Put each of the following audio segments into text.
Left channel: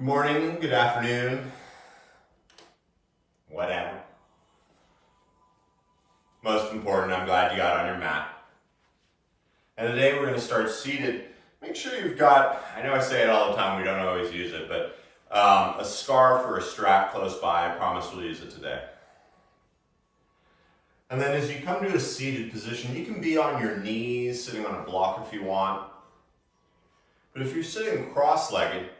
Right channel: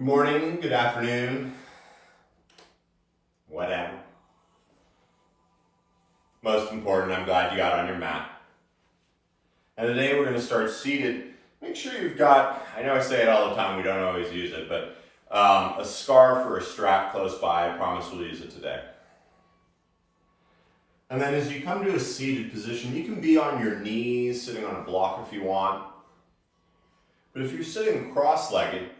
Good morning, good afternoon, whatever. Most important, I'm glad you got on your mat. And today we're going to start seated. Make sure you've got, I know I say it all the time, we don't always use it, but a scarf or a strap close by. I promise we'll use it today. And then as you come to a seated position, you can be on your knees, sitting on a block if you want. But if you're sitting cross-legged,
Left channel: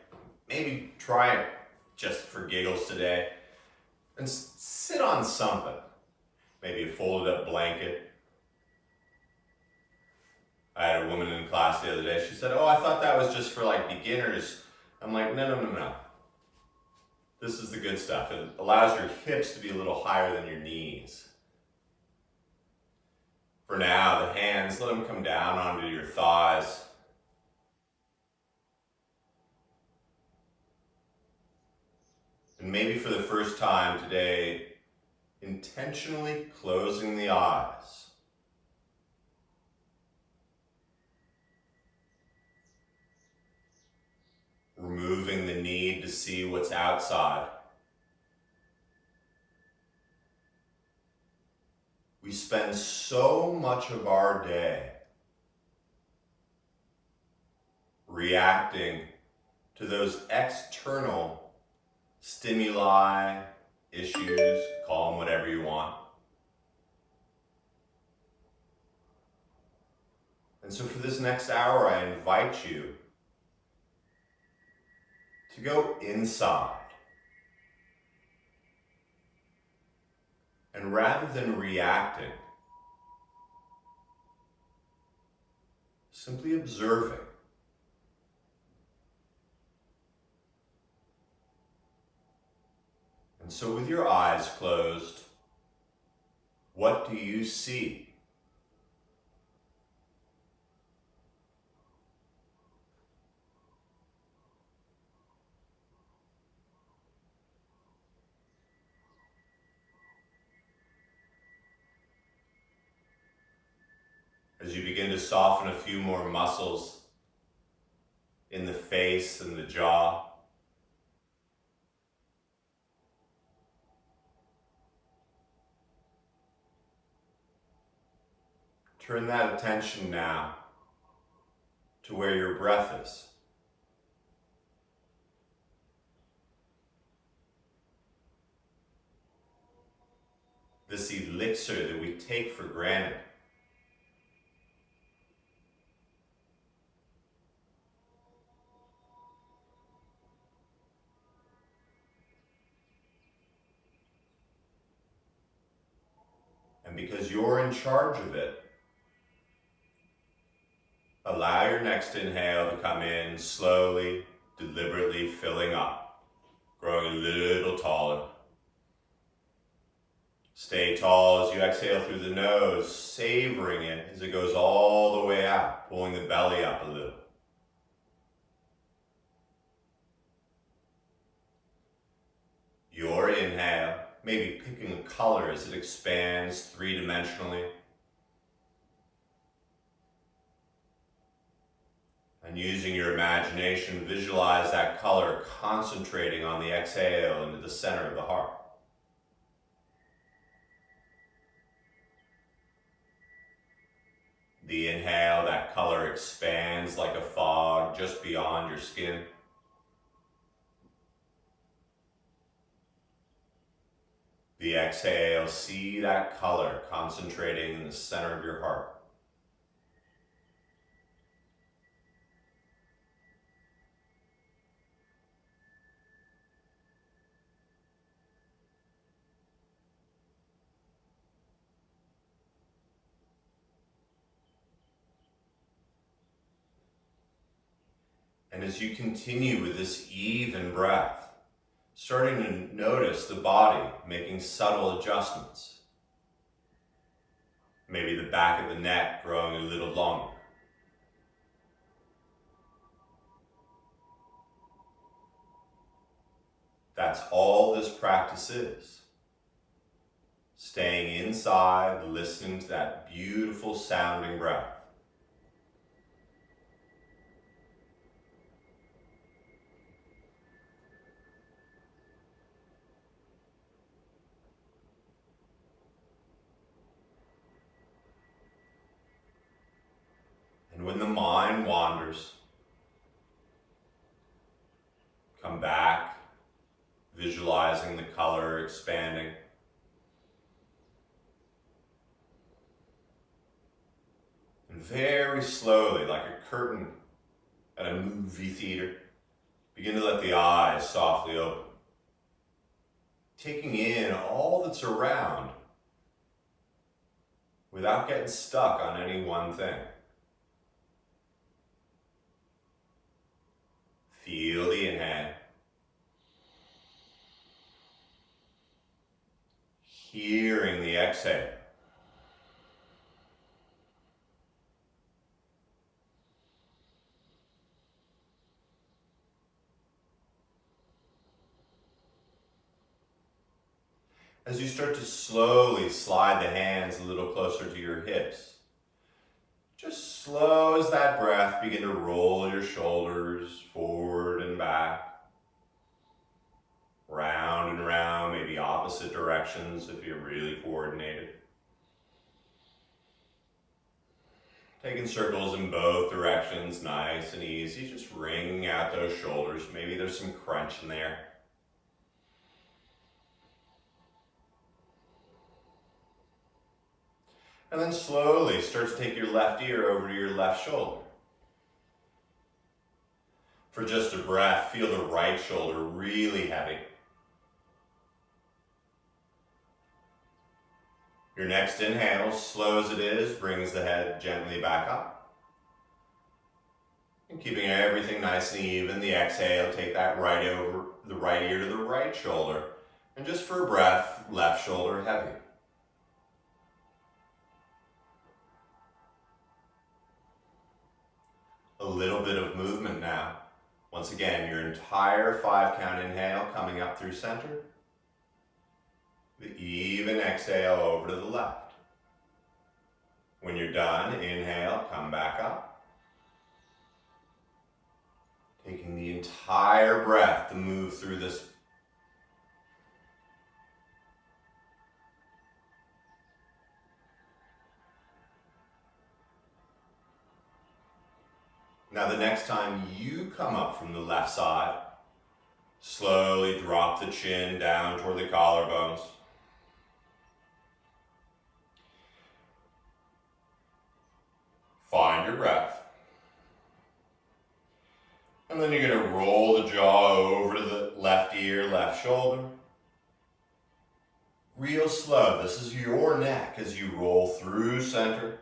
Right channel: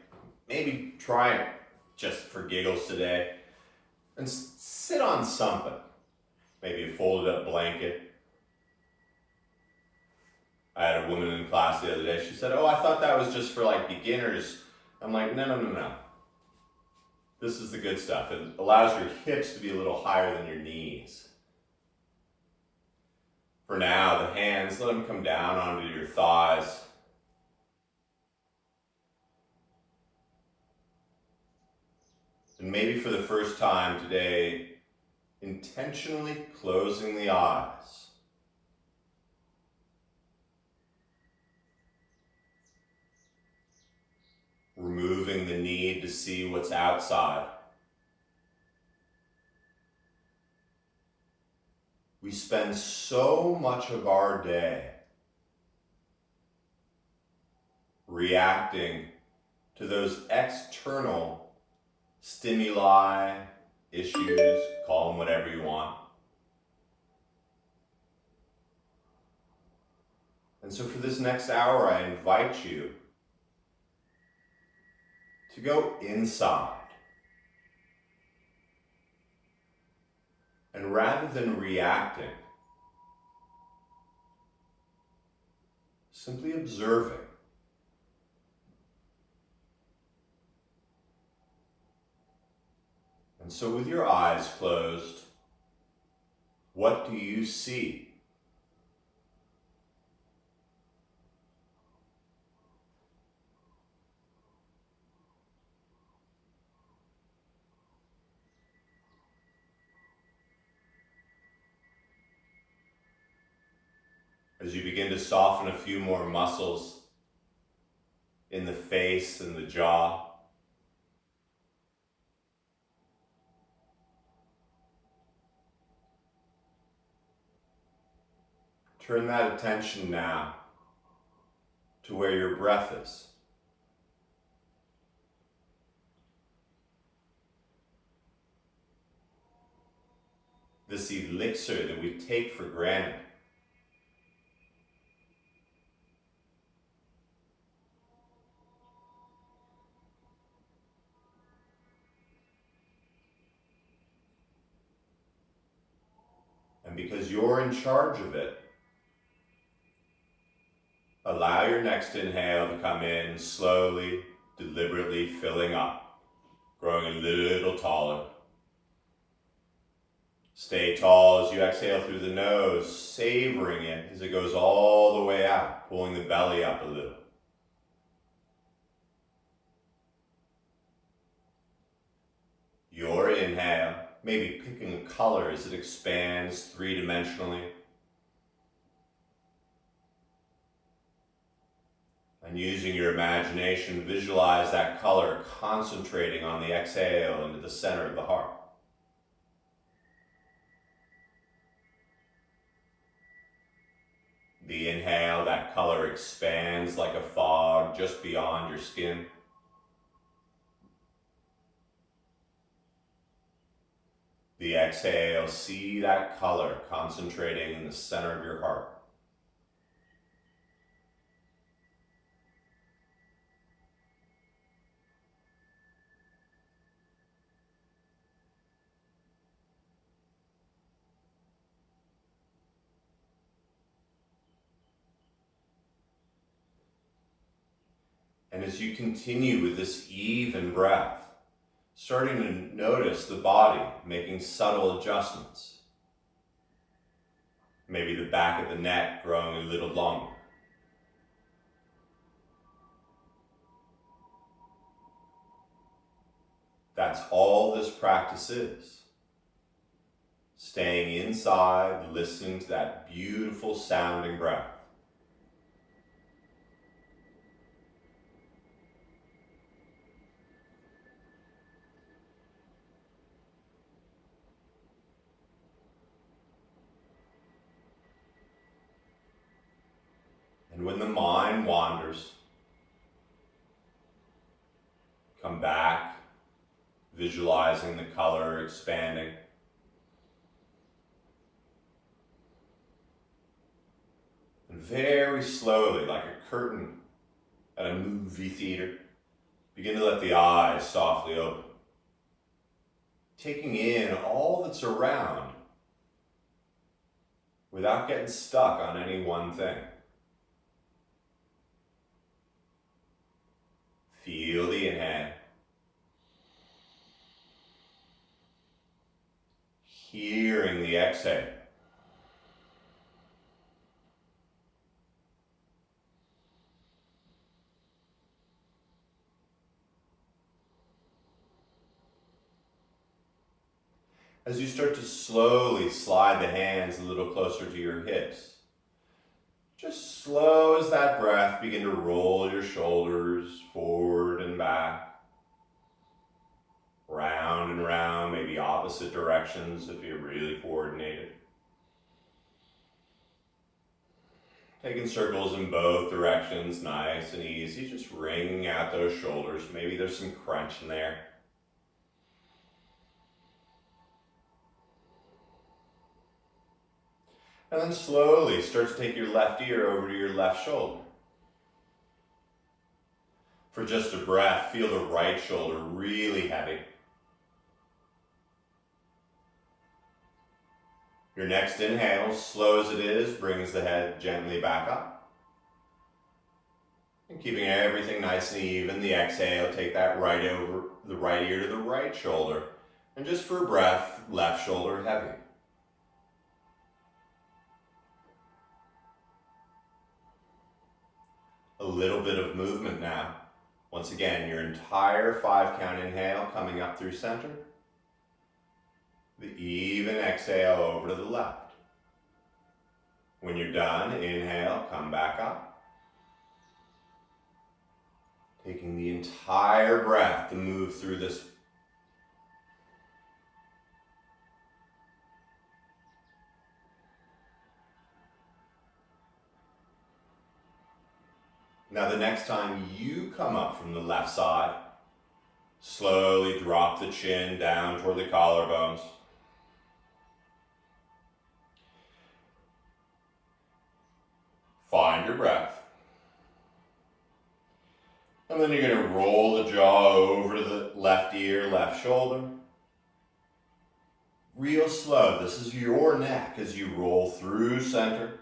maybe try it just for giggles today and sit on something. Maybe a folded up blanket. I had a woman in class the other day. She said, "Oh, I thought that was just for like beginners." I'm like, no. This is the good stuff. It allows your hips to be a little higher than your knees. For now, the hands, let them come down onto your thighs. And maybe for the first time today, intentionally closing the eyes. Removing the need to see what's outside. We spend so much of our day reacting to those external stimuli, issues, call them whatever you want. And so for this next hour, I invite you to go inside. And rather than reacting, simply observing. And so with your eyes closed, what do you see? As you begin to soften a few more muscles in the face and the jaw, turn that attention now to where your breath is. This elixir that we take for granted. And because you're in charge of it, allow your next inhale to come in slowly, deliberately filling up, growing a little taller. Stay tall as you exhale through the nose, savoring it as it goes all the way out, pulling the belly up a little. Your inhale, maybe picking a color as it expands three-dimensionally. And using your imagination, visualize that color concentrating on the exhale into the center of the heart. The inhale, that color expands like a fog just beyond your skin. The exhale, see that color concentrating in the center of your heart. And as you continue with this even breath, starting to notice the body making subtle adjustments. Maybe the back of the neck growing a little longer. That's all this practice is. Staying inside, listening to that beautiful sounding breath. And when the mind wanders, come back, visualizing the color expanding. And very slowly, like a curtain at a movie theater, begin to let the eyes softly open, taking in all that's around without getting stuck on any one thing. Feel the inhale. Hearing the exhale. As you start to slowly slide the hands a little closer to your hips, just slow as that breath, begin to roll your shoulders forward and back, round and round, maybe opposite directions if you're really coordinated. Taking circles in both directions, nice and easy, just wringing out those shoulders. Maybe there's some crunch in there. And then slowly start to take your left ear over to your left shoulder. For just a breath, feel the right shoulder really heavy. Your next inhale, slow as it is, brings the head gently back up. And keeping everything nice and even, the exhale, take that right over the right ear to the right shoulder. And just for a breath, left shoulder heavy. A little bit of movement now. Once again, your entire 5-count inhale coming up through center. The even exhale over to the left. When you're done, inhale, come back up. Taking the entire breath to move through this. Now the next time you come up from the left side, slowly drop the chin down toward the collarbones. Find your breath. And then you're going to roll the jaw over to the left ear, left shoulder. Real slow. This is your neck as you roll through center.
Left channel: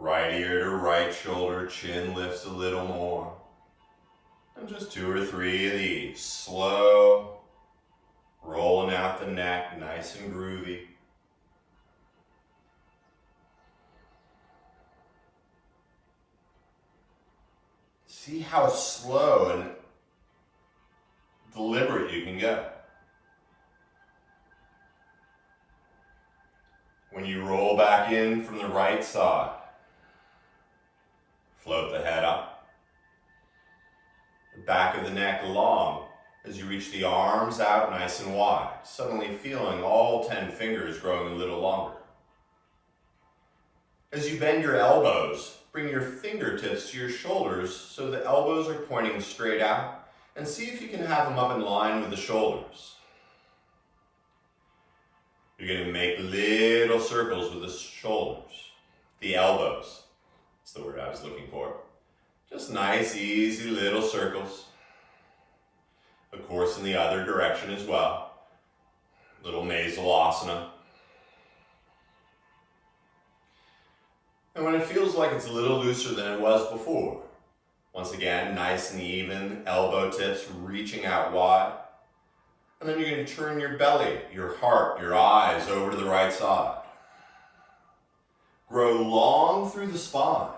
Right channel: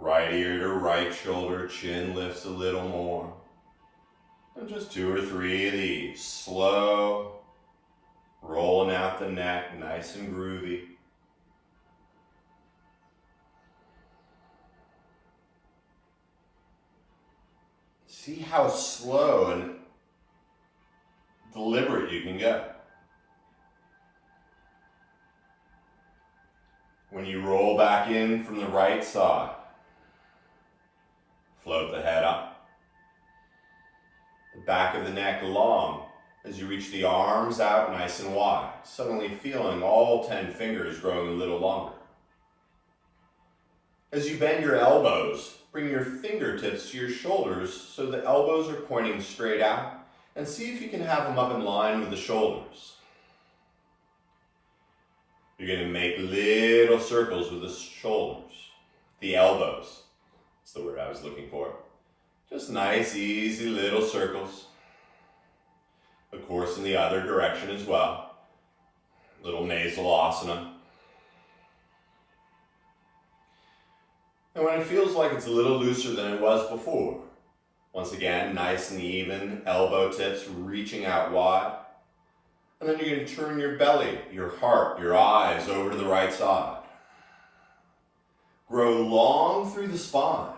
Right ear to right shoulder, chin lifts a little more. And just 2 or 3 of these. Slow, rolling out the neck, nice and groovy. See how slow and deliberate you can go. When you roll back in from the right side, float the head up. The back of the neck long as you reach the arms out nice and wide, suddenly feeling all 10 fingers growing a little longer. As you bend your elbows, bring your fingertips to your shoulders so the elbows are pointing straight out, and see if you can have them up in line with the shoulders. You're going to make little circles with the shoulders, the elbows. That's the word I was looking for. Just nice, easy little circles. Of course, in the other direction as well. Little nasal asana. And when it feels like it's a little looser than it was before, once again, nice and even, elbow tips reaching out wide. And then you're going to turn your belly, your heart, your eyes over to the right side. Grow long through the spine.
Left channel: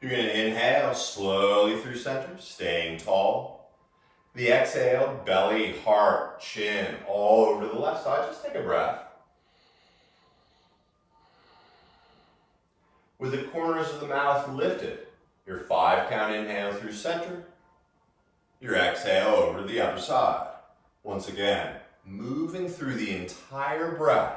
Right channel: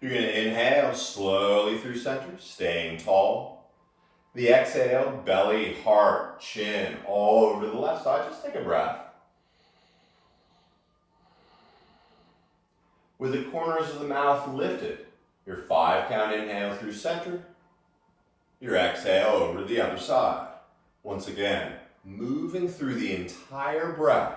You're going to inhale slowly through center, staying tall. The exhale, belly, heart, chin, all over the left side. Just take a breath. With the corners of the mouth lifted, your 5-count inhale through center, your exhale over to the other side. Once again, moving through the entire breath.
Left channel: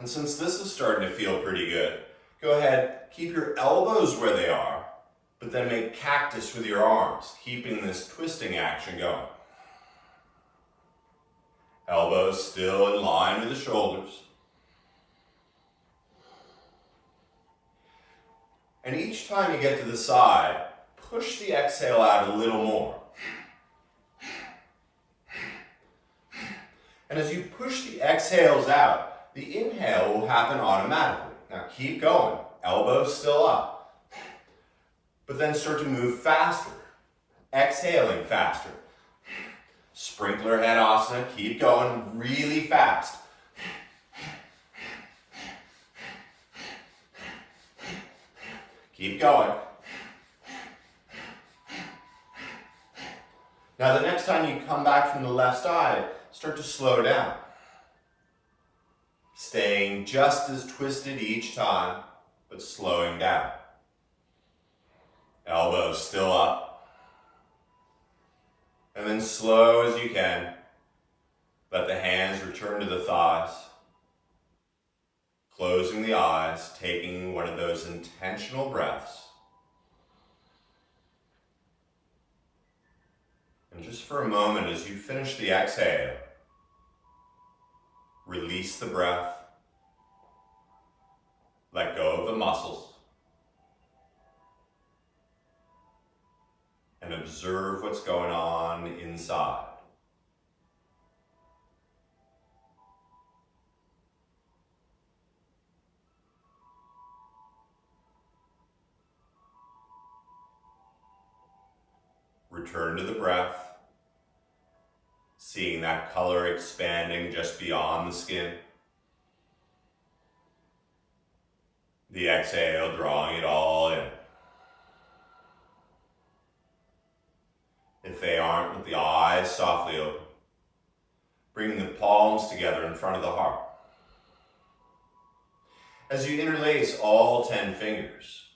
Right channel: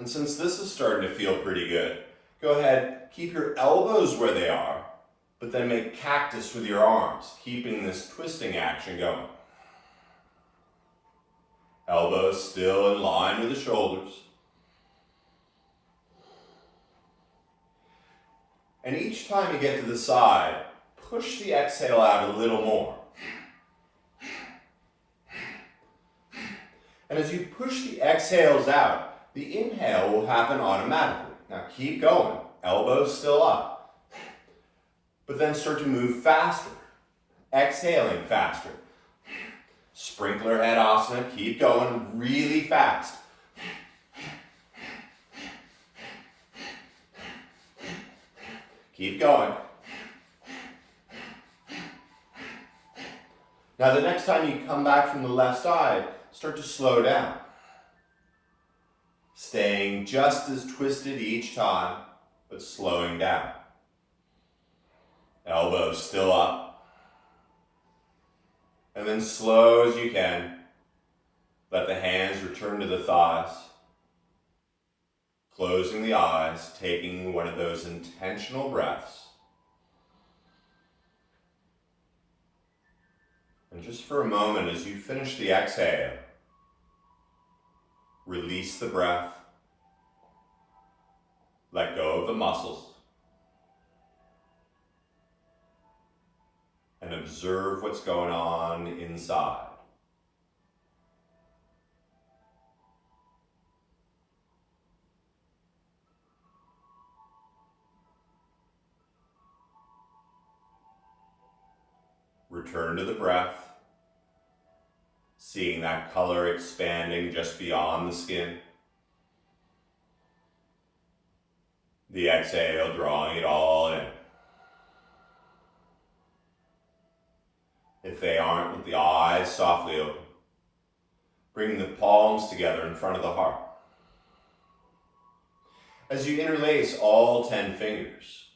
And since this is starting to feel pretty good, go ahead, keep your elbows where they are, but then make cactus with your arms, keeping this twisting action going. Elbows still in line with the shoulders. And each time you get to the side, push the exhale out a little more. And as you push the exhales out, the inhale will happen automatically. Now keep going, elbows still up. But then start to move faster, exhaling faster. Sprinkler head asana, keep going really fast. Keep going. Now the next time you come back from the left side, start to slow down. Staying just as twisted each time, but slowing down. Elbows still up. And then slow as you can, let the hands return to the thighs. Closing the eyes, taking one of those intentional breaths. And just for a moment, as you finish the exhale, release the breath. Let go of the muscles. And observe what's going on inside. Return to the breath, seeing that color expanding just beyond the skin. The exhale, drawing it all in. If they aren't, with the eyes softly open. Bring the palms together in front of the heart. As you interlace all 10 fingers,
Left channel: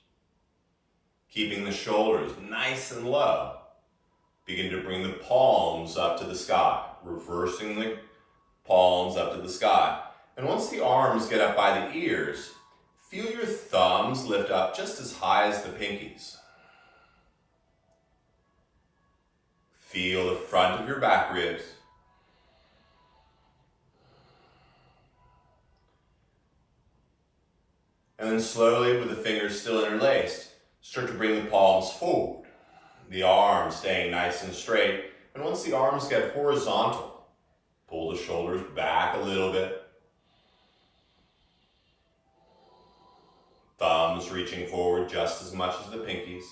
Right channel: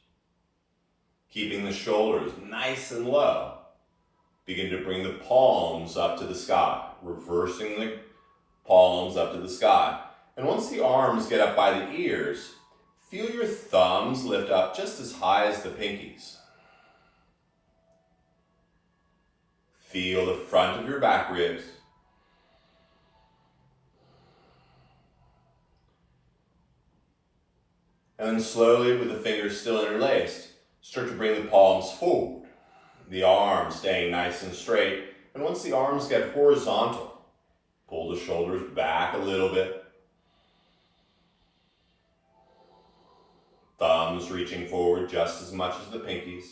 keeping the shoulders nice and low, begin to bring the palms up to the sky, reversing the palms up to the sky. And once the arms get up by the ears, feel your thumbs lift up just as high as the pinkies. Feel the front of your back ribs. And then slowly, with the fingers still interlaced, start to bring the palms forward. The arms staying nice and straight. And once the arms get horizontal, pull the shoulders back a little bit. Thumbs reaching forward just as much as the pinkies.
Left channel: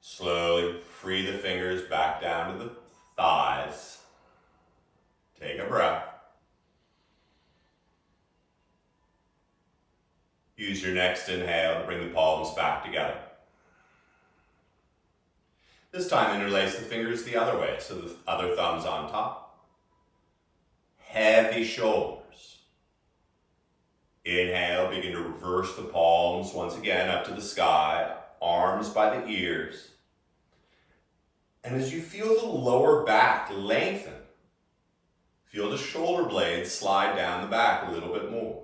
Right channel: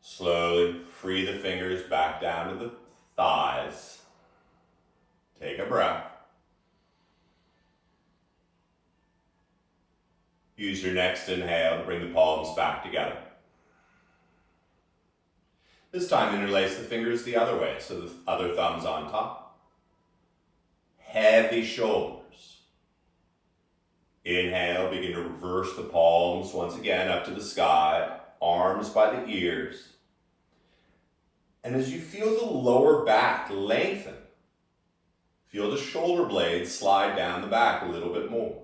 Slowly free the fingers back down to the thighs. Take a breath. Use your next inhale to bring the palms back together. This time interlace the fingers the other way, so the other thumb's on top. Heavy shoulders. Inhale, begin to reverse the palms once again up to the sky, arms by the ears. And as you feel the lower back lengthen, feel the shoulder blades slide down the back a little bit more.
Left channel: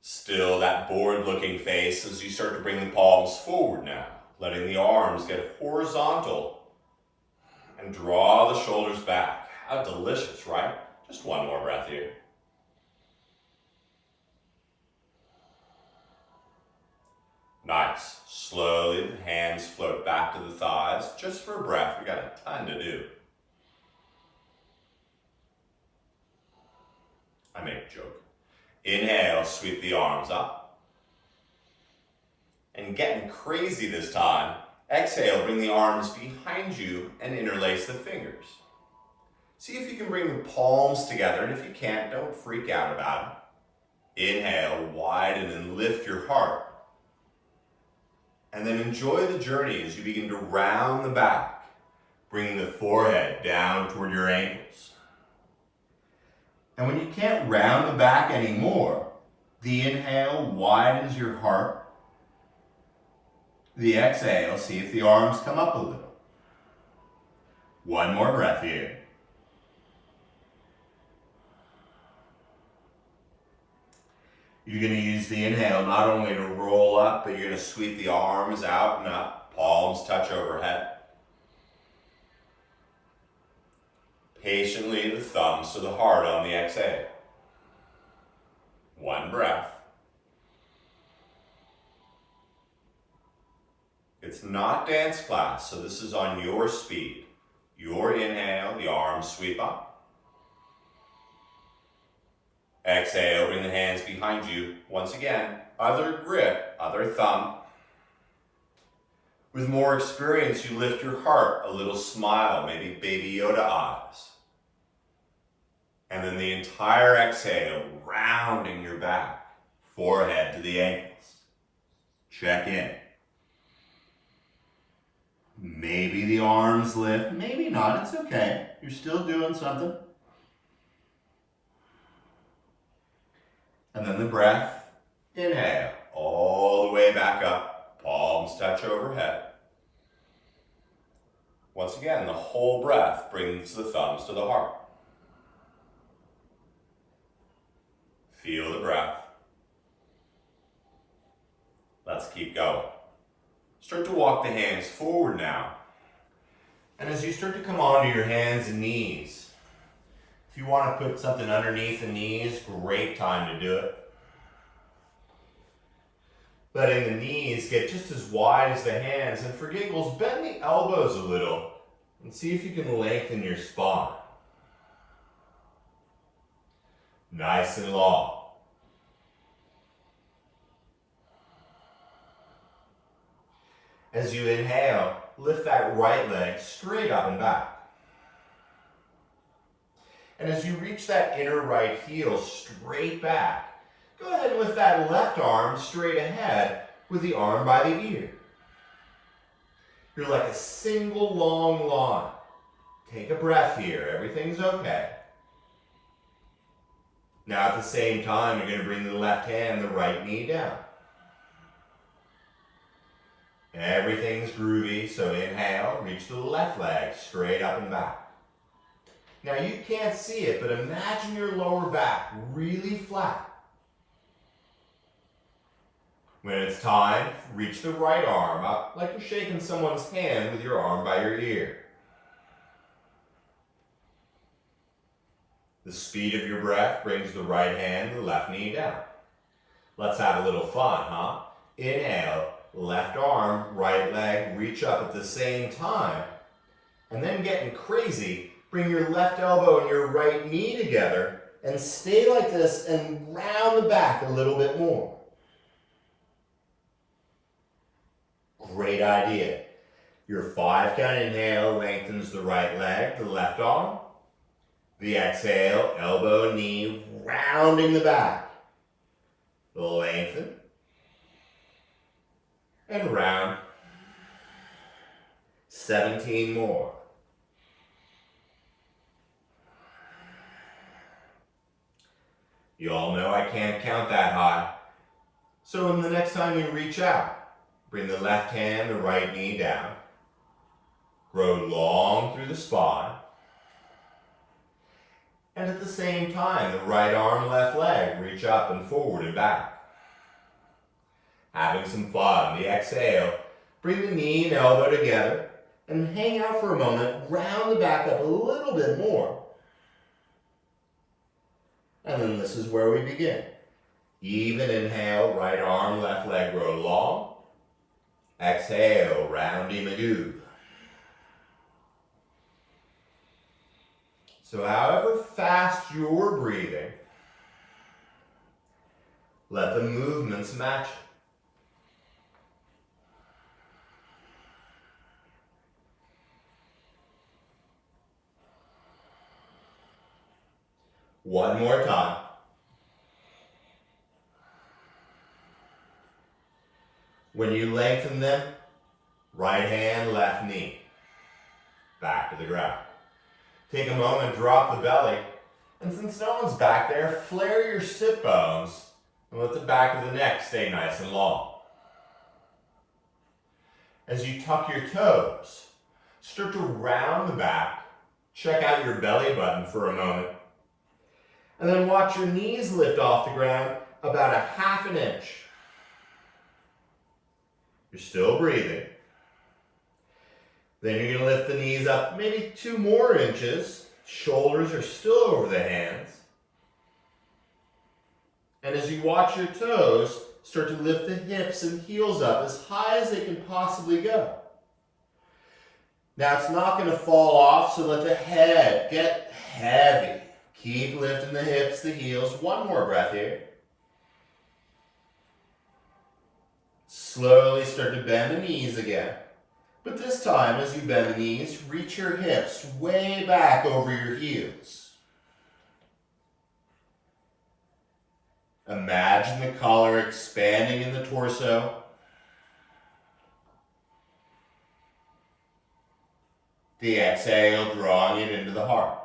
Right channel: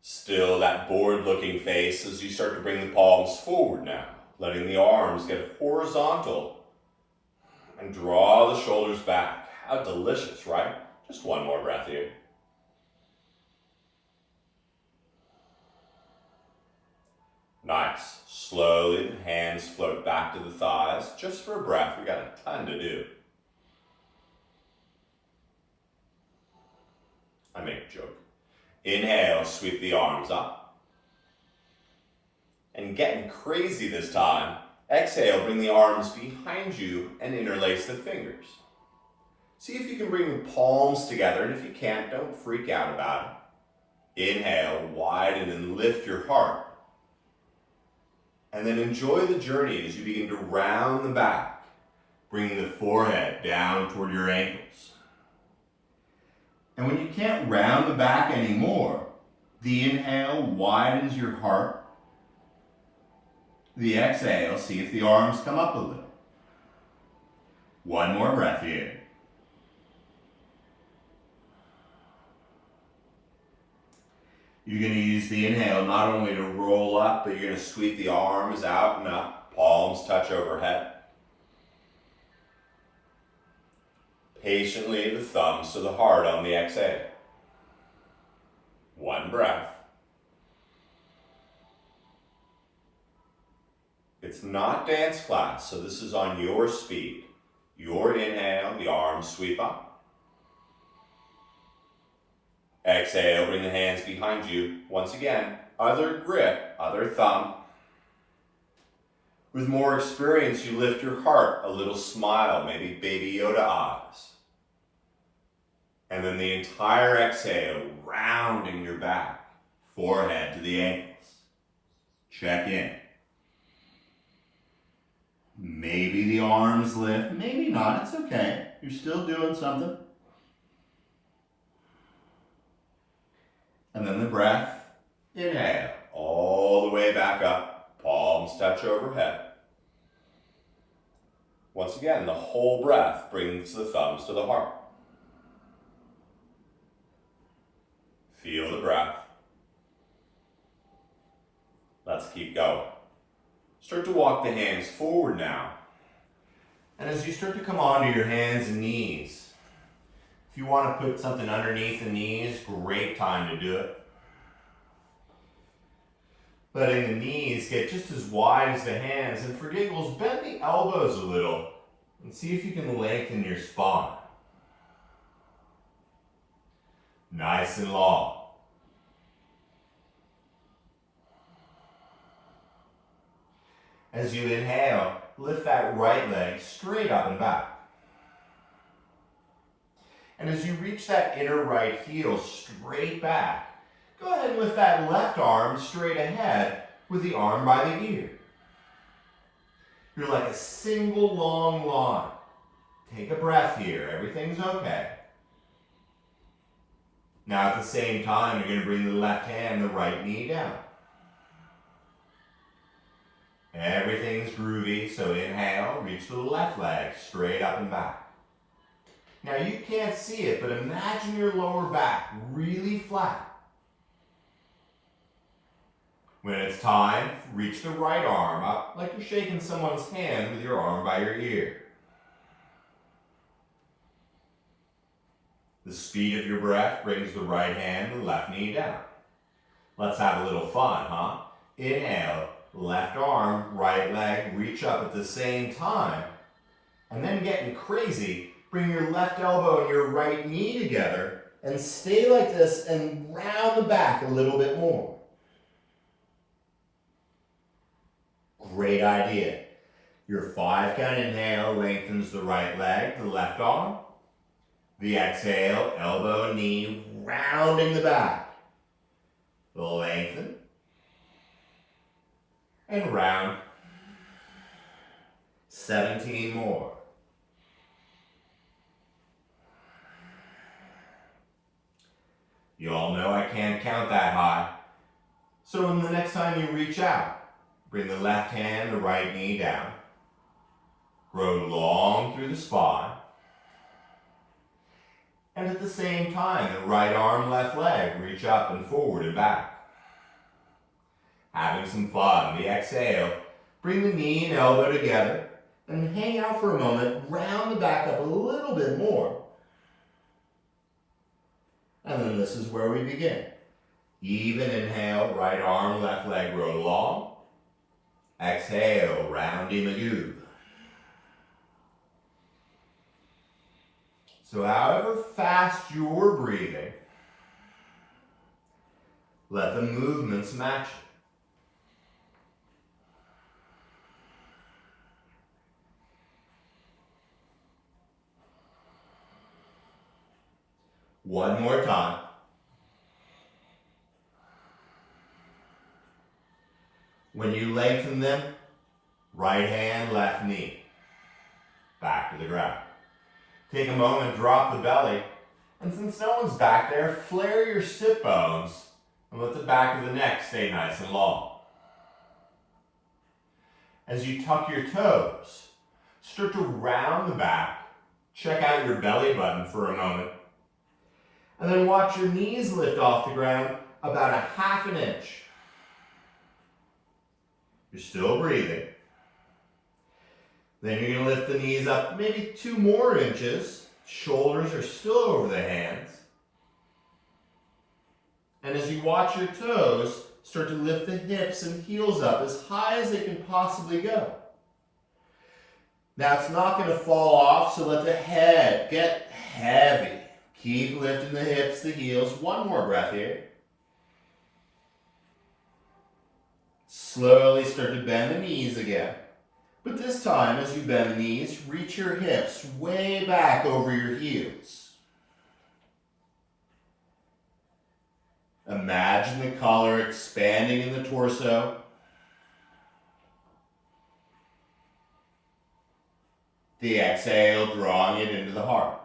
Still that bored looking face as you start to bring the palms forward now, letting the arms get horizontal and draw the shoulders back. How delicious, right? Just one more breath here. Nice. Slowly, the hands float back to the thighs, just for a breath. We got a ton to do. I make a joke. Inhale, sweep the arms up. And getting crazy this time, exhale, bring the arms behind you and interlace the fingers. See if you can bring the palms together, and if you can't, don't freak out about it. Inhale, widen and lift your heart. And then enjoy the journey as you begin to round the back, bringing the forehead down toward your ankles. And when you can't round the back anymore, the inhale widens your heart. The exhale, see if the arms come up a little. One more breath here. You're going to use the inhale not only to roll up, but you're going to sweep the arms out and up. Palms touch overhead. Patiently the thumbs to the heart on the exhale. One breath. It's not dance class, so this is on your speed. Your inhale, the arms sweep up. Exhale, bring the hands behind you. Once again, other grip, other thumb. With more experience, you lift your heart, a little smile, maybe Baby Yoda eyes. And then the entire exhale, rounding your back, forehead to the ankles. Check in. Maybe the arms lift, maybe not, it's okay. You're still doing something. And then the breath, inhale, all the way back up, palms touch overhead. Once again, the whole breath brings the thumbs to the heart. Feel the breath. Let's keep going. Start to walk the hands forward now. And as you start to come onto your hands and knees, if you want to put something underneath the knees, great time to do it. Letting the knees get just as wide as the hands, and for giggles, bend the elbows a little and see if you can lengthen your spine. Nice and long. As you inhale, lift that right leg straight up and back. And as you reach that inner right heel straight back, go ahead and lift that left arm straight ahead with the arm by the ear. You're like a single long line. Take a breath here, everything's okay. Now at the same time, you're going to bring the left hand, the right knee down. Everything's groovy, so inhale, reach the left leg straight up and back. Now you can't see it, but imagine your lower back really flat. When it's time, reach the right arm up like you're shaking someone's hand with your arm by your ear. The speed of your breath brings the right hand, the left knee down. Let's have a little fun, huh? Inhale, left arm, right leg, reach up at the same time. And then getting crazy, bring your left elbow and your right knee together and stay like this and round the back a little bit more. Great idea. Your 5-count inhale lengthens the right leg, the left arm. The exhale, elbow and knee, rounding the back. Lengthen. And round. 17 more. You all know I can't count that high. So when the next time you reach out, bring the left hand, the right knee down. Grow long through the spine. And at the same time, the right arm, left leg, reach up and forward and back. Having some fun. The exhale, bring the knee and elbow together and hang out for a moment, round the back up a little bit more. And then this is where we begin. Even inhale, right arm, left leg, grow long. Exhale, roundy magoo. So however fast you're breathing, let the movements match it. One more time. When you lengthen them, right hand, left knee, back to the ground. Take a moment, drop the belly, and since no one's back there, flare your sit bones and let the back of the neck stay nice and long. As you tuck your toes, start to round the back, check out your belly button for a moment, and then watch your knees lift off the ground about a half an inch. You're still breathing. Then you're going to lift the knees up maybe 2 more inches. Shoulders are still over the hands. And as you watch your toes, start to lift the hips and heels up as high as they can possibly go. Now it's not going to fall off, so let the head get heavy. Keep lifting the hips, the heels. One more breath here. Slowly start to bend the knees again. But this time, as you bend the knees, reach your hips way back over your heels. Imagine the collar expanding in the torso. The exhale, drawing it into the heart.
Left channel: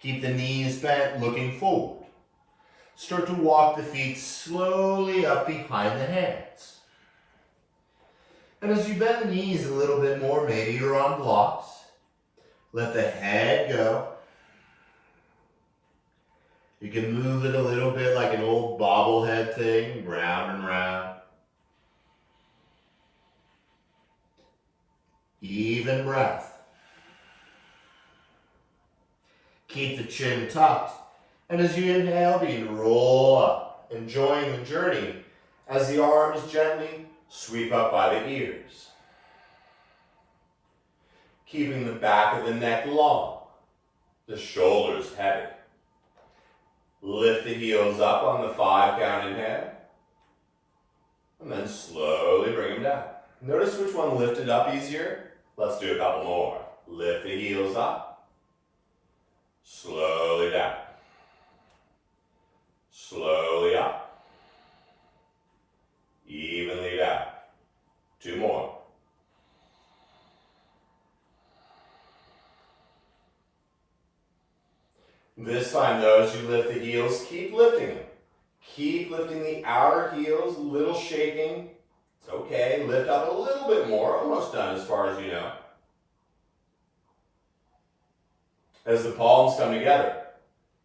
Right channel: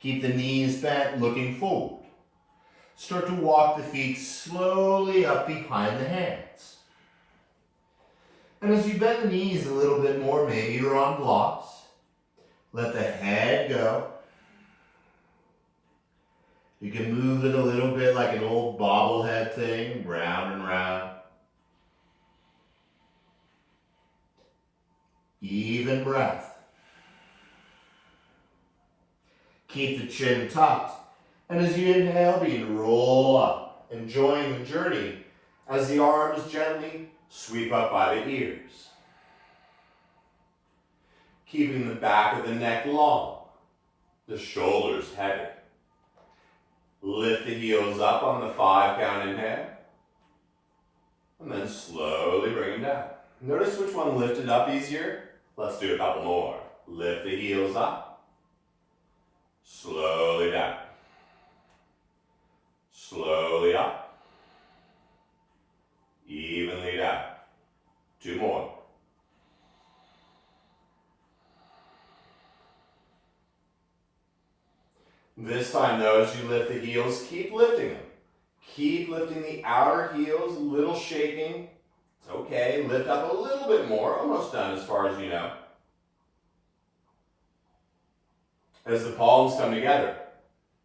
Keep the knees bent, looking forward. Start to walk the feet slowly up behind the hands. And as you bend the knees a little bit more, maybe you're on blocks, let the head go. You can move it a little bit like an old bobblehead thing, round and round. Even breath. Keep the chin tucked. And as you inhale, begin to roll up, enjoying the journey as the arms gently sweep up by the ears. Keeping the back of the neck long, the shoulders heavy. Lift the heels up on the 5 count inhale, and then slowly bring them down. Notice which one lifted up easier. Let's do a couple more. Lift the heels up, slowly down. Slowly up, evenly down. 2 more. This time, those who lift the heels, keep lifting them. Keep lifting the outer heels, little shaking. It's okay, lift up a little bit more, almost done as far as you know. As the palms come together,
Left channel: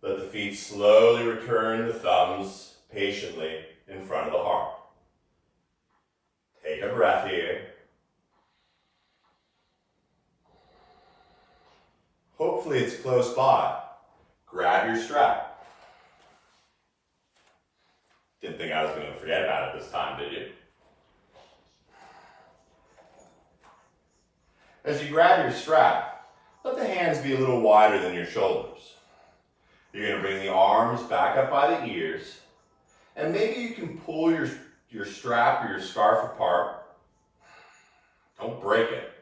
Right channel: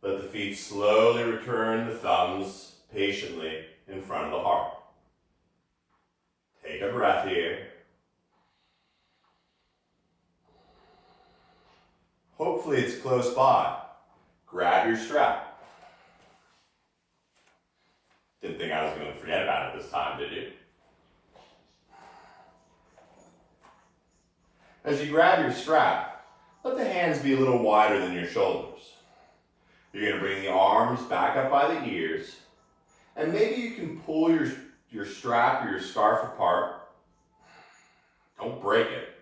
let the feet slowly return the thumbs patiently in front of the heart. Take a breath here. Hopefully it's close by. Grab your strap. Didn't think I was going to forget about it this time, did you? As you grab your strap, let the hands be a little wider than your shoulders. You're going to bring the arms back up by the ears, and maybe you can pull your strap or your scarf apart. Don't break it.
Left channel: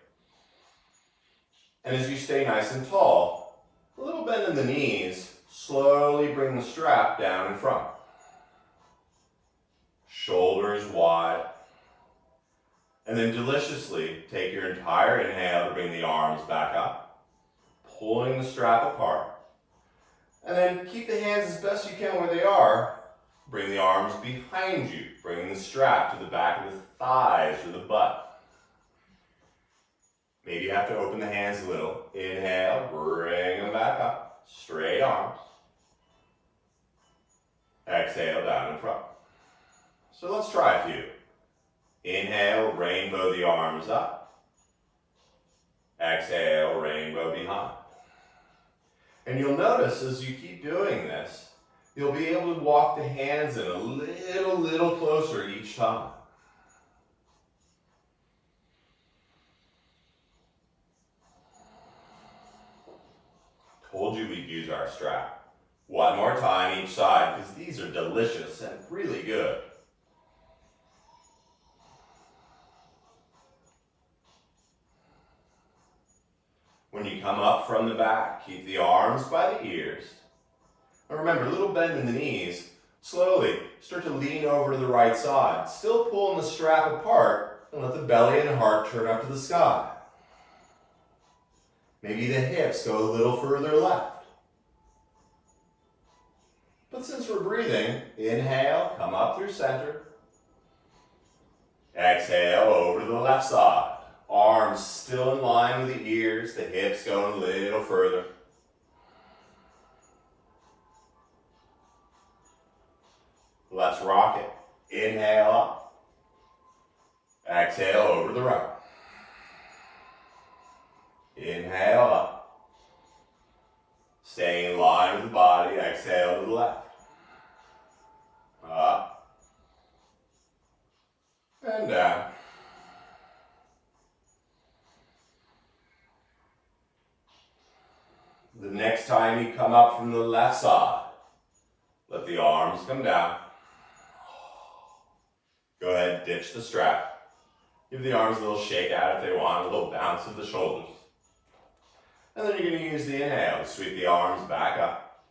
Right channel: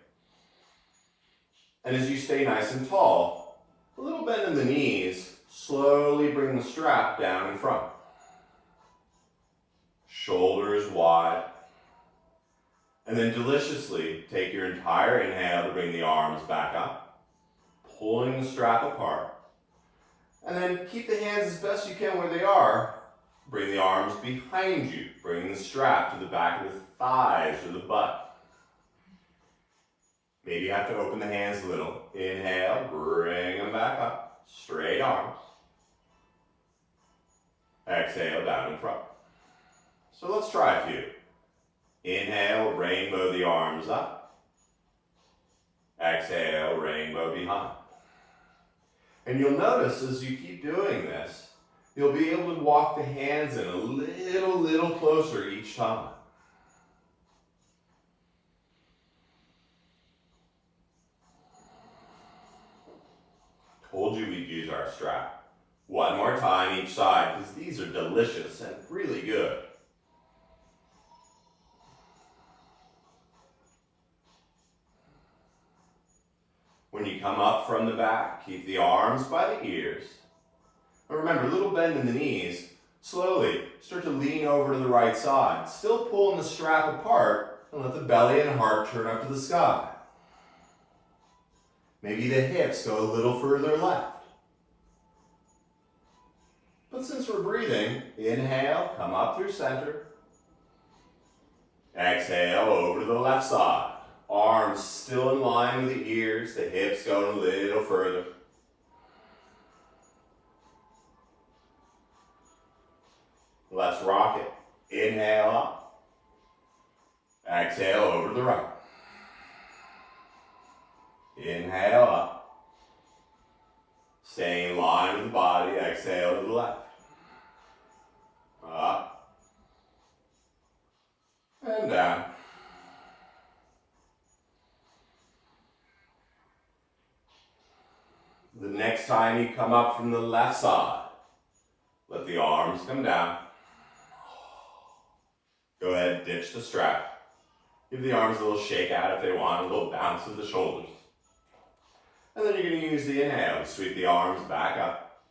And as you stay nice and tall, a little bend in the knees, slowly bring the strap down in front. Shoulders wide. And then deliciously take your entire inhale to bring the arms back up, pulling the strap apart. And then keep the hands as best you can where they are. Bring the arms behind you, bringing the strap to the back of the thighs or the butt. Maybe you have to open the hands a little. Inhale, bring them back up, straight arms. Exhale, down in front. So let's try a few. Inhale, rainbow the arms up. Exhale, rainbow behind. And you'll notice as you keep doing this, you'll be able to walk the hands in a little closer each time. Told you we'd use our strap. One more time each side, because these are delicious and really good. When you come up from the back, keep the arms by the ears. And remember, a little bend in the knees. Slowly start to lean over to the right side. Still pulling the strap apart and let the belly and heart turn up to the sky. Maybe the hips go a little further left. But since we're breathing, inhale, come up through center. Exhale over to the left side. Arms still in line with the ears, the hips going a little further. Let's rock it. Inhale up. Exhale over to the right. Inhale up. Stay in line with the body. Exhale to the left. Up. And down. The next time you come up from the left side, let the arms come down. Go ahead and ditch the strap. Give the arms a little shake out if they want, a little bounce of the shoulders. And then you're going to use the inhale to sweep the arms back up.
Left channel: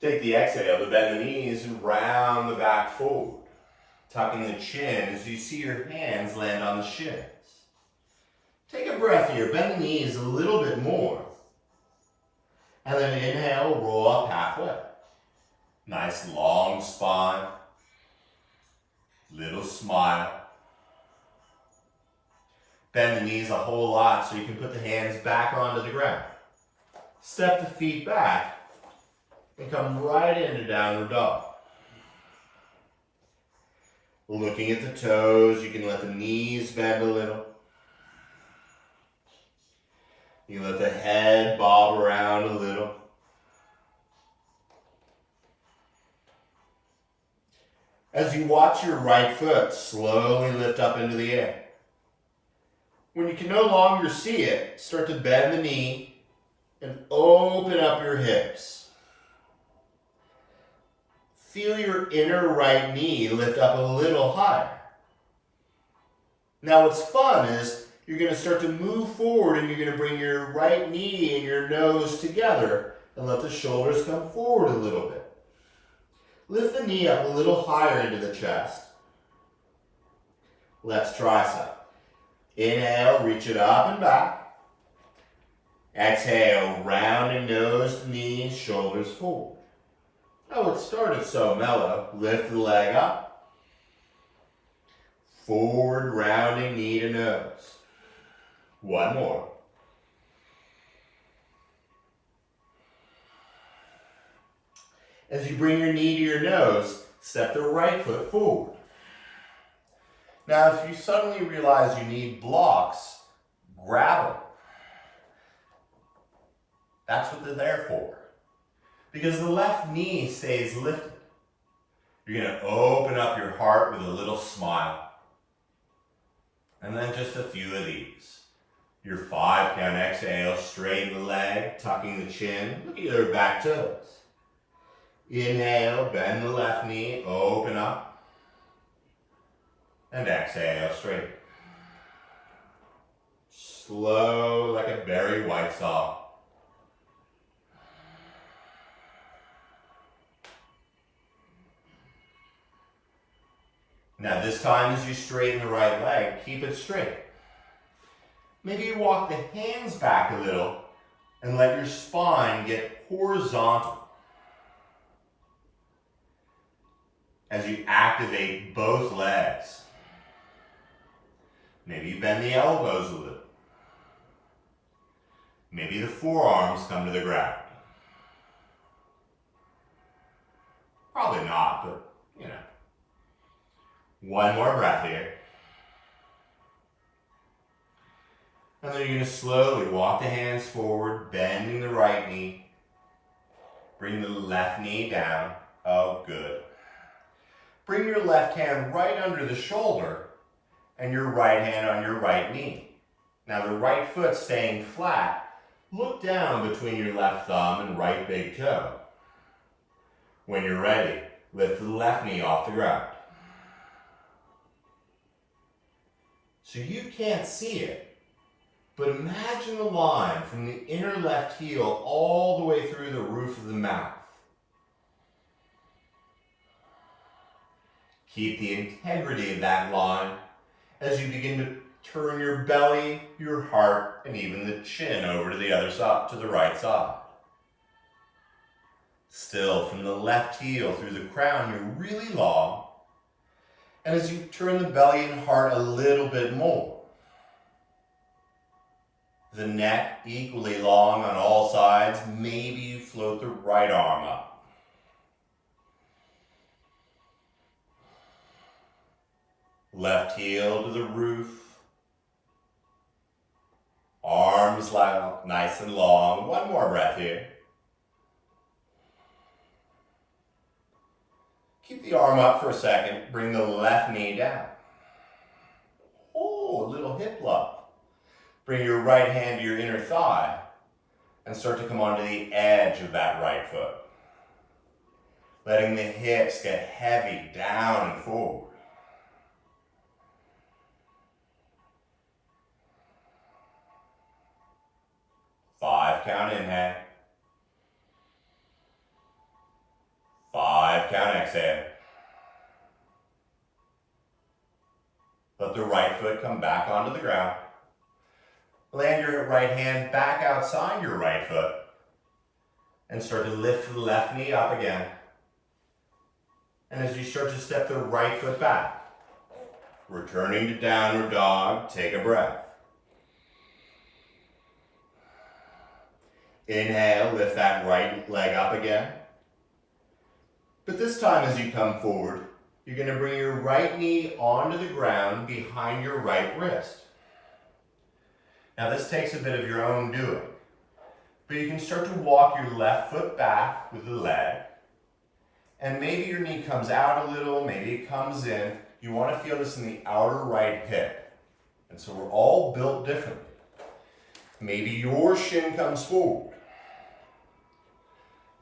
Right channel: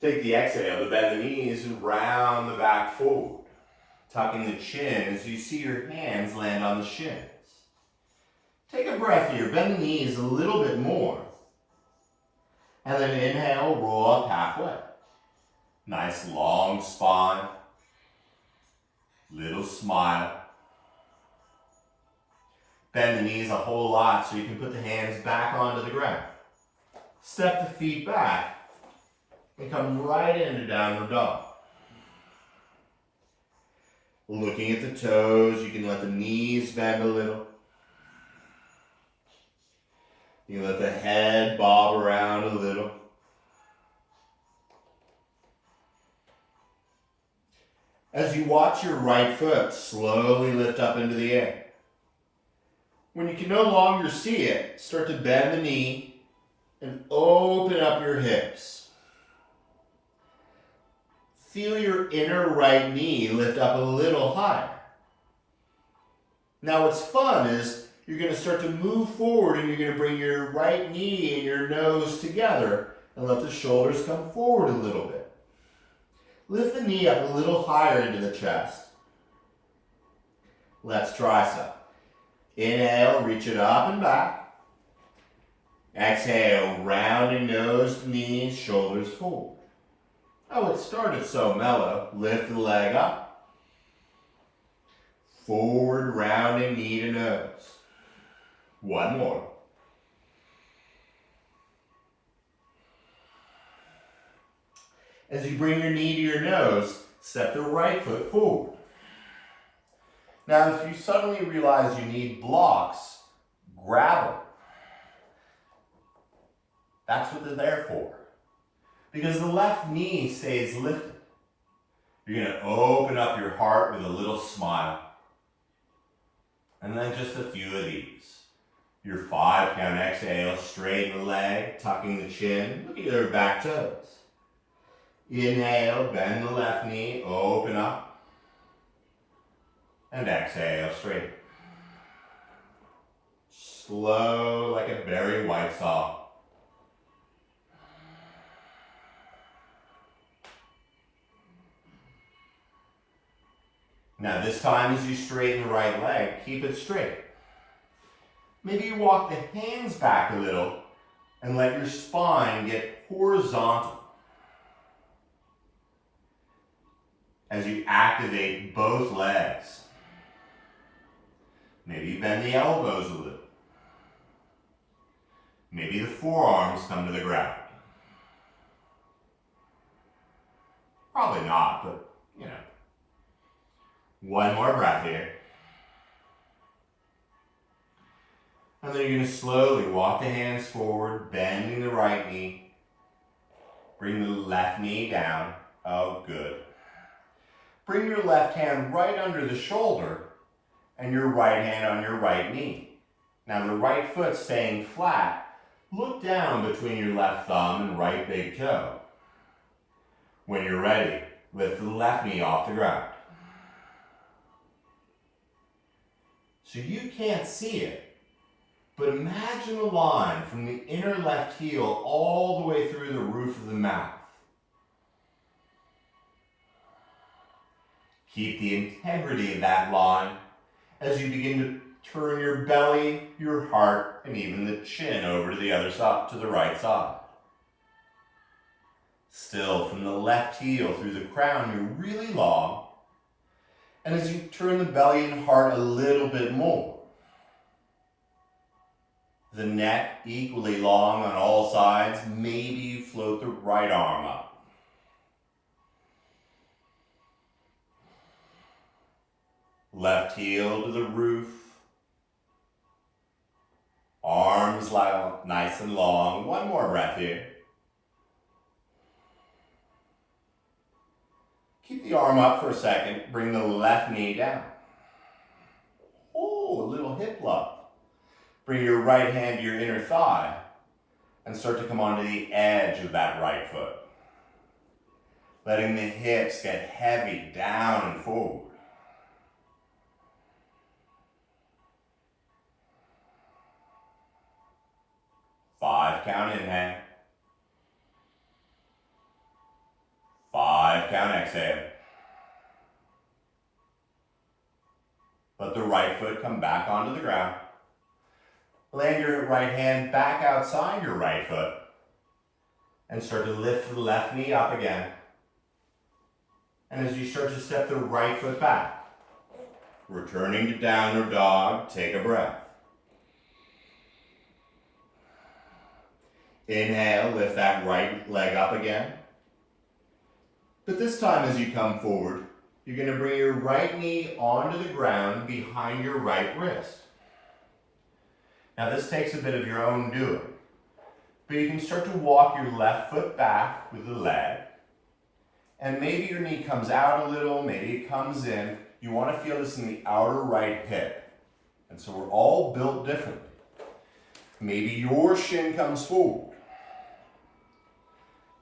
Take the exhale to bend the knees and round the back forward. Tucking the chin as you see your hands land on the shins. Take a breath here, bend the knees a little bit more. And then inhale, roll up halfway. Nice long spine. Little smile. Bend the knees a whole lot so you can put the hands back onto the ground. Step the feet back and come right into downward dog. Looking at the toes, you can let the knees bend a little. You can let the head bob around a little. As you watch your right foot slowly lift up into the air. When you can no longer see it, start to bend the knee and open up your hips. Feel your inner right knee lift up a little higher. Now what's fun is you're going to start to move forward and you're going to bring your right knee and your nose together and let the shoulders come forward a little bit. Lift the knee up a little higher into the chest. Let's try some. Inhale, reach it up and back. Exhale, rounding nose, knees, shoulders forward. Oh, it started so mellow. Lift the leg up. Forward, rounding knee to nose. One more. As you bring your knee to your nose, step the right foot forward. Now, if you suddenly realize you need blocks, grab them. That's what they're there for. Because the left knee stays lifted. You're going to open up your heart with a little smile. And then just a few of these. Your 5 count exhale, straighten the leg, tucking the chin. Look at your back toes. Inhale, bend the left knee, open up. And exhale, straight. Slow like a Barry White song. Now this time as you straighten the right leg, keep it straight. Maybe you walk the hands back a little and let your spine get horizontal. As you activate both legs. Maybe you bend the elbows a little. Maybe the forearms come to the ground. Probably not, but you know. One more breath here. And then you're going to slowly walk the hands forward, bending the right knee. Bring the left knee down. Oh, good. Bring your left hand right under the shoulder and your right hand on your right knee. Now the right foot staying flat, look down between your left thumb and right big toe. When you're ready, lift the left knee off the ground. So you can't see it, but imagine a line from the inner left heel all the way through the roof of the mouth. Keep the integrity of that line as you begin to turn your belly, your heart, and even the chin over to the other side, to the right side. Still, from the left heel through the crown, you're really long. And as you turn the belly and heart a little bit more, the neck equally long on all sides, maybe you float the right arm up. Left heel to the roof. Arms nice and long. One more breath here. Keep the arm up for a second. Bring the left knee down. Oh, a little hip love. Bring your right hand to your inner thigh and start to come onto the edge of that right foot. Letting the hips get heavy down and forward. 5 count inhale. 5 count exhale. Let the right foot come back onto the ground. Land your right hand back outside your right foot and start to lift the left knee up again. And as you start to step the right foot back, returning to downward dog, take a breath. Inhale, lift that right leg up again. But this time as you come forward, you're going to bring your right knee onto the ground behind your right wrist. Now this takes a bit of your own doing, but you can start to walk your left foot back with the leg, and maybe your knee comes out a little, maybe it comes in. You want to feel this in the outer right hip, and so we're all built differently. Maybe your shin comes forward.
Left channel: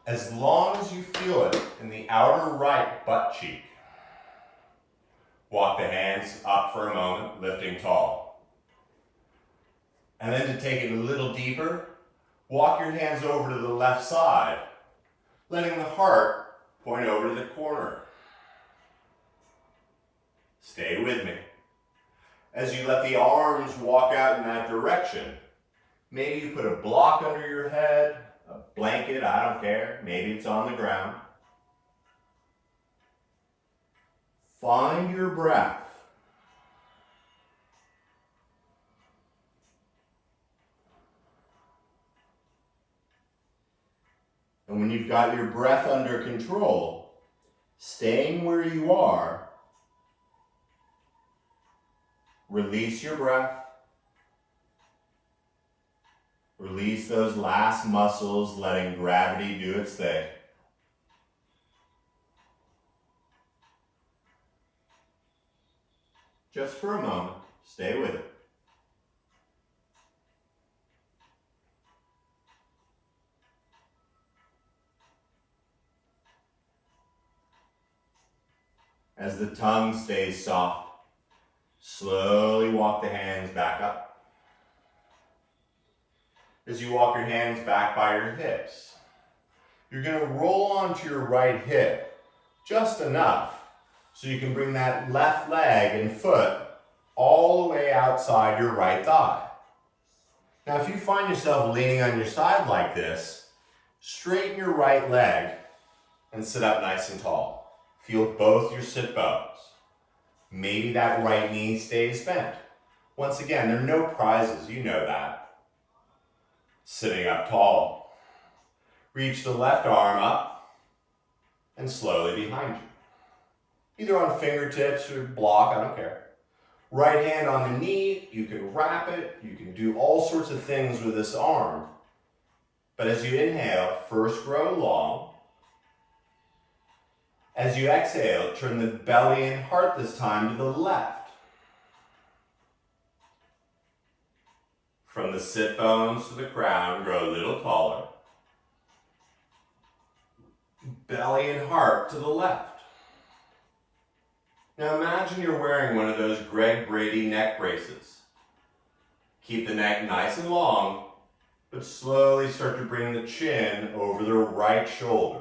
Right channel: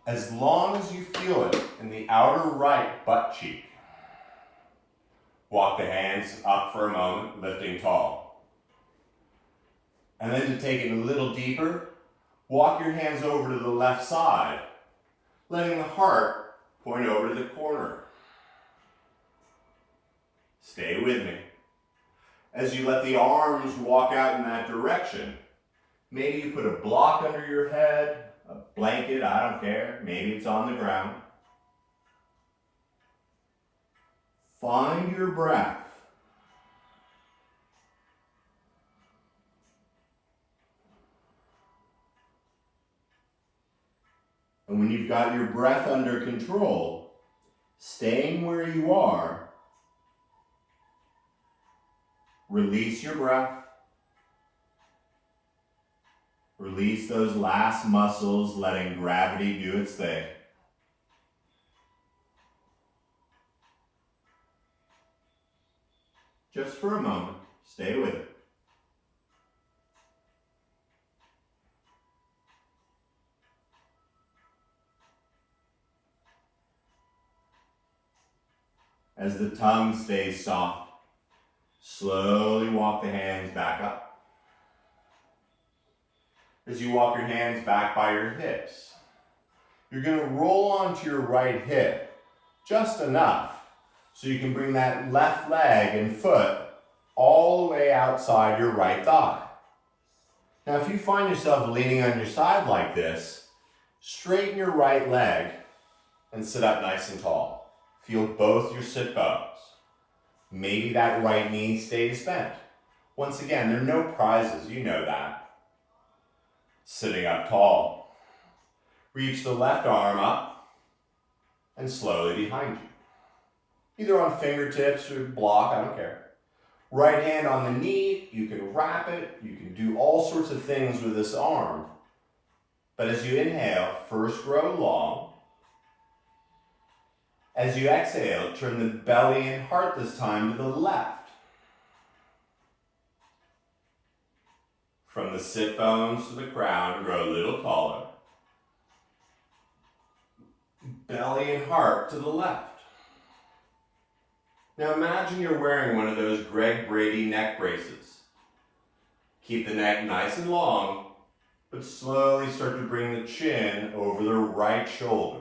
As long as you feel it in the outer right butt cheek. Walk the hands up for a moment, lifting tall. And then to take it a little deeper, walk your hands over to the left side, letting the heart point over to the corner. Stay with me. As you let the arms walk out in that direction, maybe you put a block under your head, a blanket, I don't care. Maybe it's on the ground. Find your breath. And when you've got your breath under control, staying where you are, release your breath. Release those last muscles, letting gravity do its thing. Just for a moment, stay with it. As the tongue stays soft, slowly walk the hands back up. As you walk your hands back by your hips, you're going to roll onto your right hip just enough so you can bring that left leg and foot all the way outside your right thigh. Now, if you find yourself leaning on your side like this, straighten your right leg and sit up nice and tall. Feel both your sit bones. Maybe that right knee stays bent. Once again, there are no prizes, you know that. Sitting up tall. Reach the left arm up and slowly behind you. Either on fingertips or block, I don't care. Right hand on the knee, you can wrap it, you can do all sorts of things with this arm. But as you inhale, first grow long. As you exhale, turn the belly and heart this time to the left. From the sit bones to the crown, grow a little taller. Belly and heart to the left. Now imagine you're wearing one of those Greg Brady neck braces. Keep the neck nice and long, but slowly start to bring the chin over the right shoulder.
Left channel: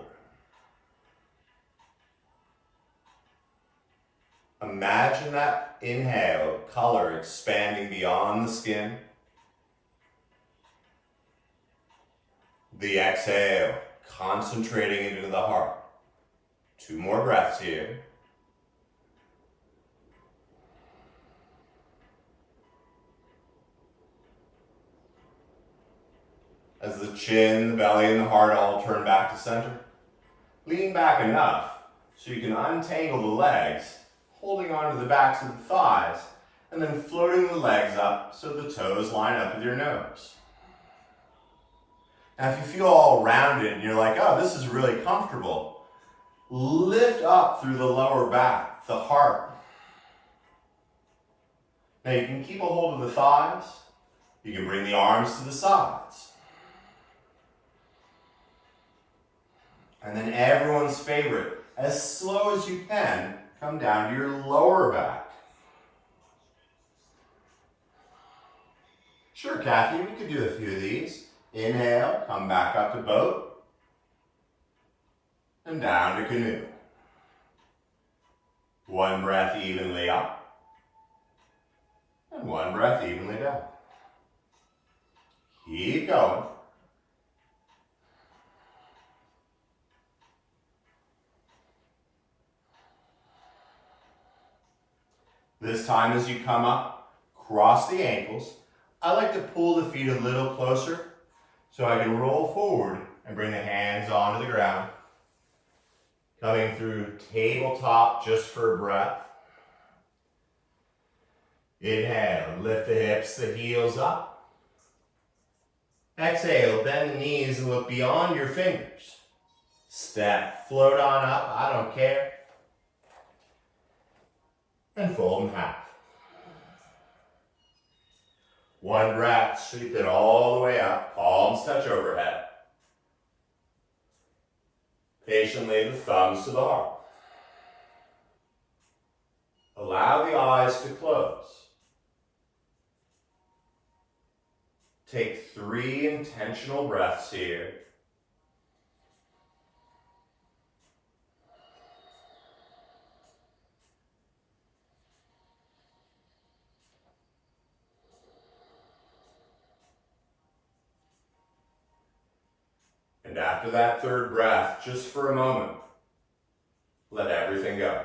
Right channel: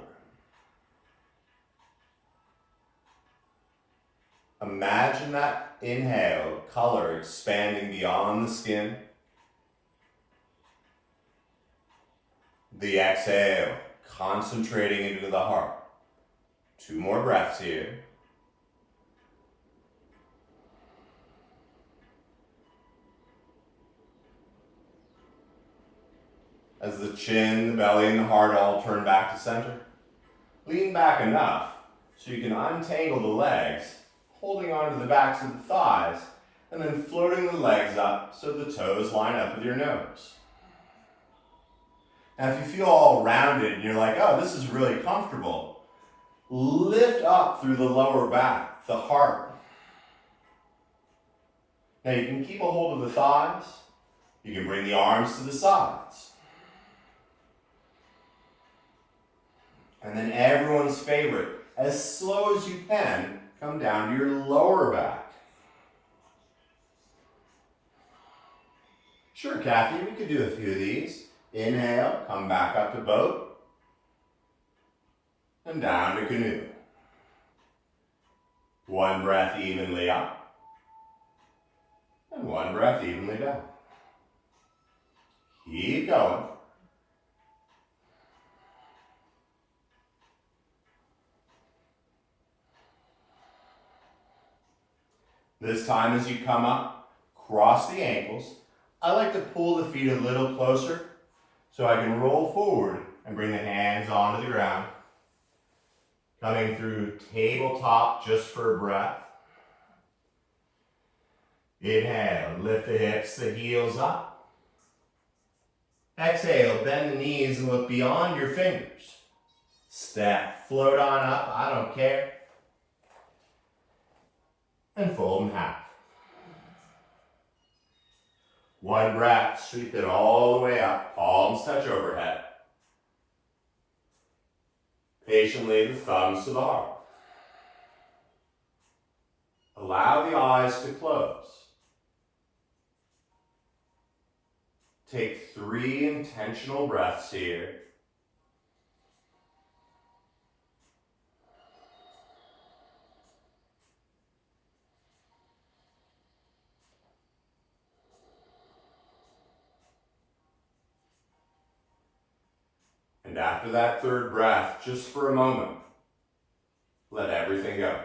Imagine that inhale, color expanding beyond the skin. The exhale, concentrating into the heart. 2 more breaths here. As the chin, the belly, and the heart all turn back to center. Lean back enough so you can untangle the legs, holding onto the backs of the thighs, and then floating the legs up so the toes line up with your nose. Now if you feel all rounded and you're like, oh, this is really comfortable, lift up through the lower back, the heart. Now you can keep a hold of the thighs. You can bring the arms to the sides. And then everyone's favorite, as slow as you can, come down to your lower back. Sure, Kathy, we could do a few of these. Inhale, come back up to boat, and down to canoe. One breath evenly up, and one breath evenly down. Keep going. This time as you come up, cross the ankles. I like to pull the feet a little closer so I can roll forward and bring the hands onto the ground. Coming through tabletop just for a breath. Inhale, lift the hips, the heels up. Exhale, bend the knees and look beyond your fingers. Step, float on up, I don't care. And fold in half. One breath, sweep it all the way up, palms touch overhead. Patiently, the thumbs to the heart. Allow the eyes to close. Take 3 intentional breaths here. And after that third breath, just for a moment, let everything go.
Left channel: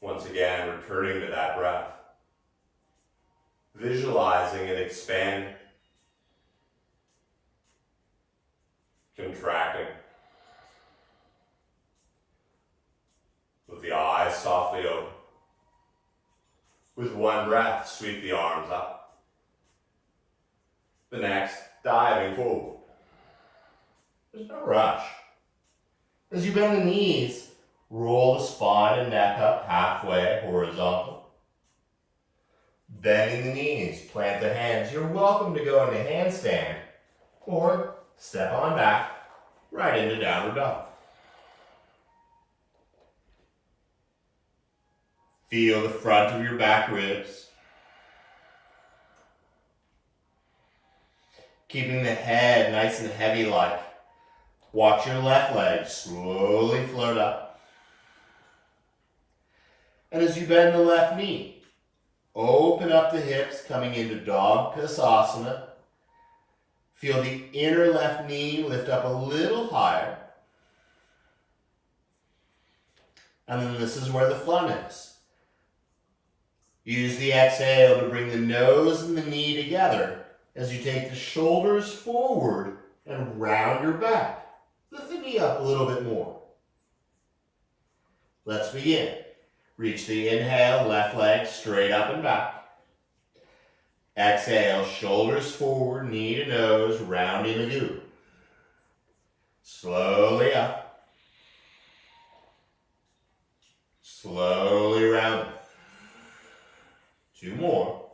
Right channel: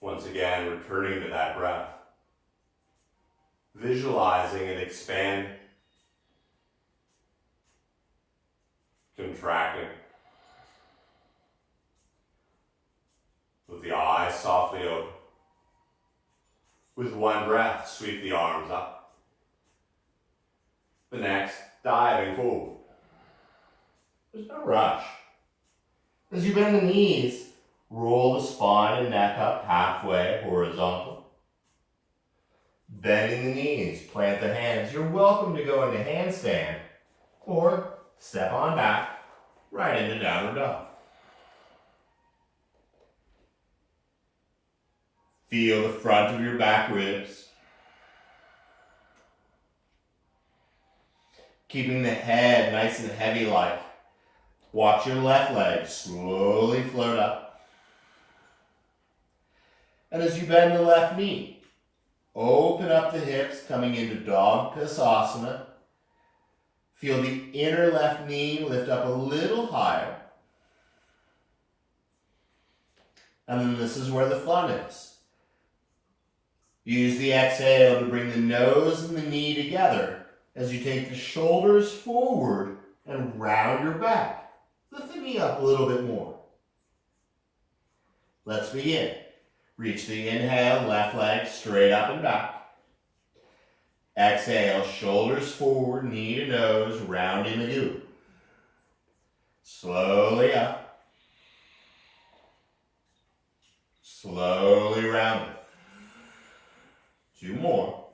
Once again, returning to that breath. Visualizing it expanding. Contracting. With the eyes softly open. With one breath, sweep the arms up. The next, diving forward. There's no rush. As you bend the knees, roll the spine and neck up halfway horizontal. Bending the knees, plant the hands. You're welcome to go into handstand or step on back right into downward dog. Feel the front of your back ribs. Keeping the head nice and heavy like. Watch your left leg slowly float up. And as you bend the left knee, open up the hips coming into dog Pisasana. Feel the inner left knee lift up a little higher. And then this is where the fun is. Use the exhale to bring the nose and the knee together as you take the shoulders forward and round your back. Lift the knee up a little bit more. Let's begin. Reach the inhale, left leg straight up and back. Exhale, shoulders forward, knee to nose, rounding the glute. Slowly up. Slowly round. 2 more.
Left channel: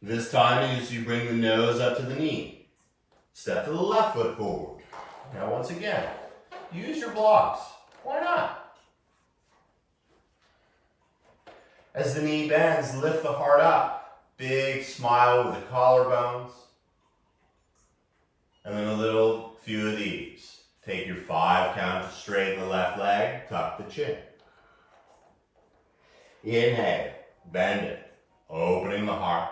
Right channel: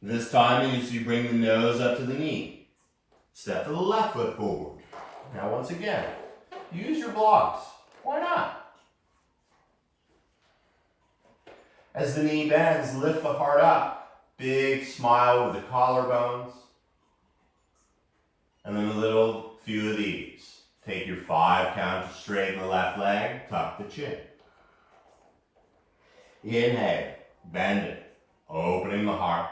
This time, as you bring the nose up to the knee, step to the left foot forward. Now, once again, use your blocks. Why not? As the knee bends, lift the heart up. Big smile with the collarbones. And then a little few of these. Take your 5 count to straighten the left leg, tuck the chin. Inhale, bend it, opening the heart.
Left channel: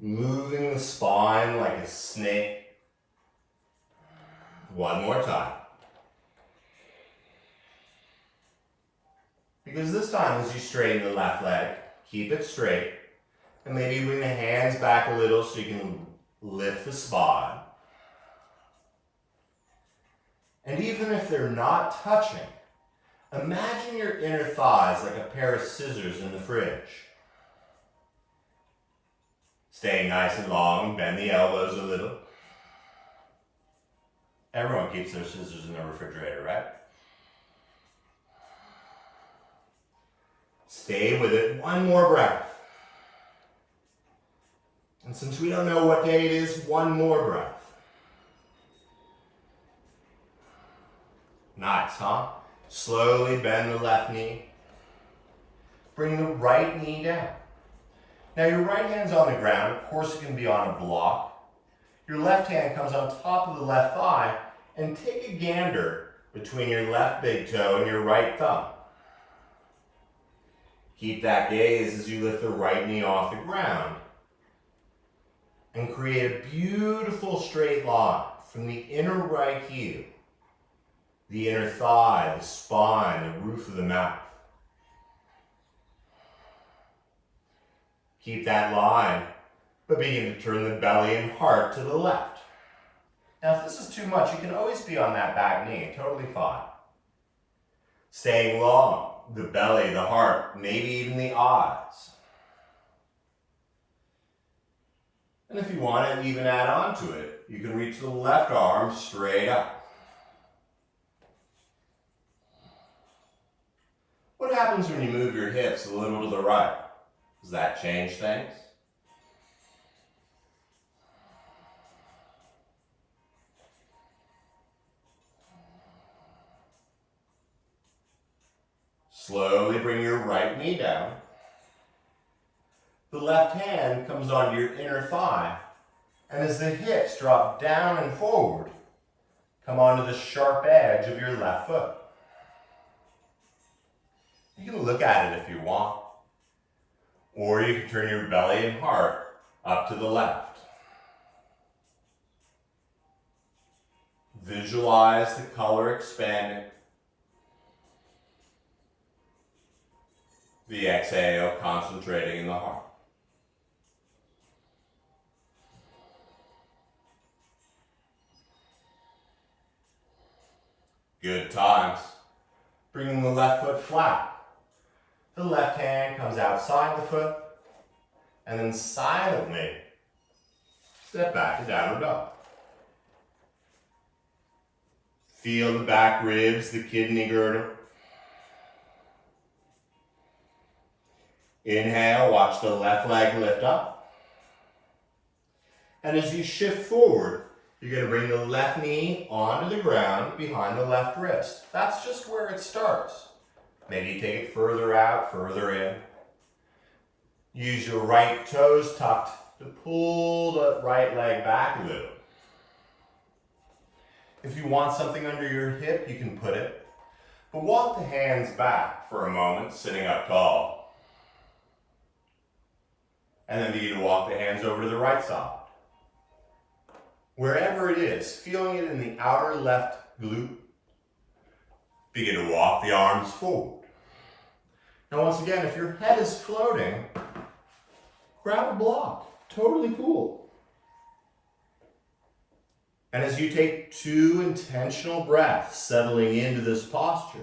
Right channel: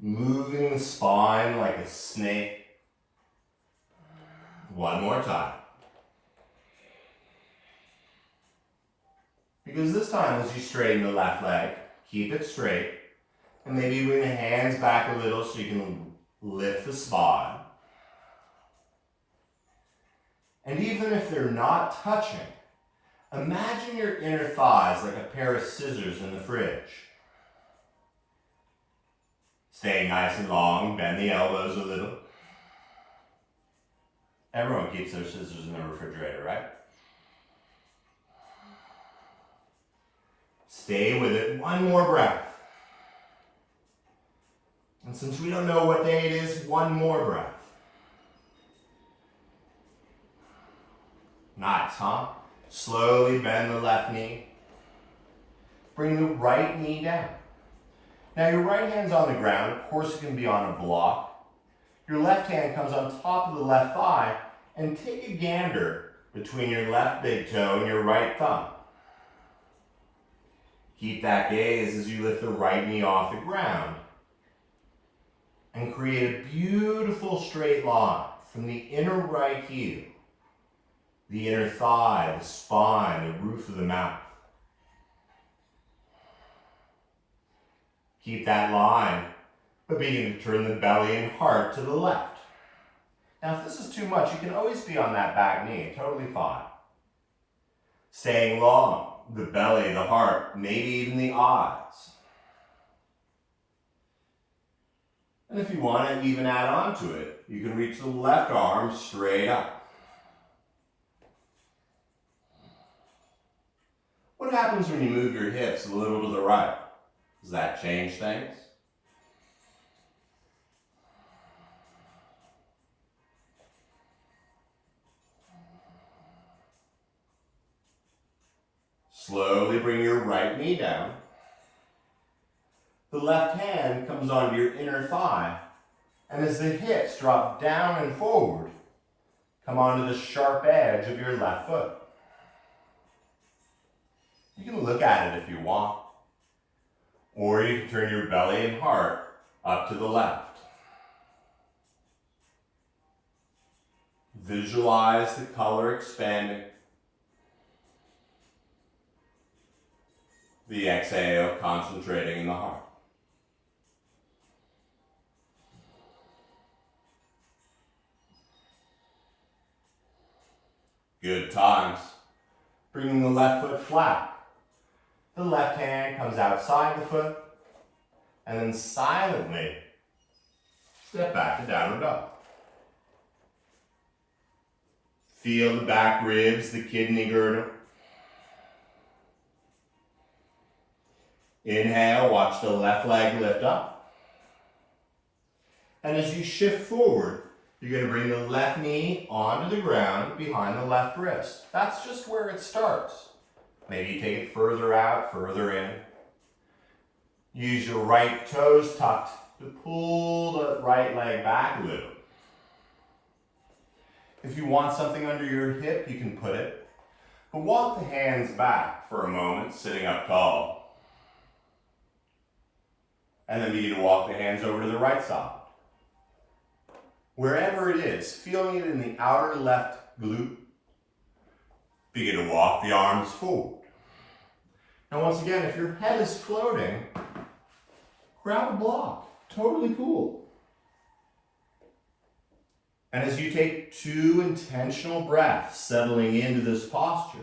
Moving the spine like a snake. One more time. Because this time as you straighten the left leg, keep it straight. And maybe bring the hands back a little so you can lift the spine. And even if they're not touching, imagine your inner thighs like a pair of scissors in the fridge. Stay nice and long, bend the elbows a little. Everyone keeps their scissors in the refrigerator, right? Stay with it. One more breath. And since we don't know what day it is, one more breath. Nice, huh? Slowly bend the left knee. Bring the right knee down. Now your right hand's on the ground. Of course it can be on a block. Your left hand comes on top of the left thigh and take a gander between your left big toe and your right thumb. Keep that gaze as you lift the right knee off the ground and create a beautiful straight line from the inner right heel, the inner thigh, the spine, the roof of the mouth. Keep that line, but begin to turn the belly and heart to the left. Now, if this is too much, you can always be on that back knee, totally fine. Staying long, the belly, the heart, maybe even the eyes. And if you want to even add on to it, you can reach the left arm straight up. What happens when you move your hips a little to the right? Does that change things? Slowly bring your right knee down. The left hand comes onto your inner thigh, and as the hips drop down and forward, come onto the sharp edge of your left foot. You can look at it if you want. Or you can turn your belly and heart up to the left. Visualize the color expanding. The exhale concentrating in the heart. Good times. Bringing the left foot flat. The left hand comes outside the foot, and then silently step back to downward dog. Feel the back ribs, the kidney girdle. Inhale, watch the left leg lift up. And as you shift forward, you're going to bring the left knee onto the ground behind the left wrist. That's just where it starts. Maybe you take it further out, further in. Use your right toes tucked to pull the right leg back a little. If you want something under your hip, you can put it. But walk the hands back for a moment, sitting up tall. And then begin to walk the hands over to the right side. Wherever it is, feeling it in the outer left glute, begin to walk the arms forward. Now once again, if your head is floating, grab a block. Totally cool. And as you take 2 intentional breaths, settling into this posture,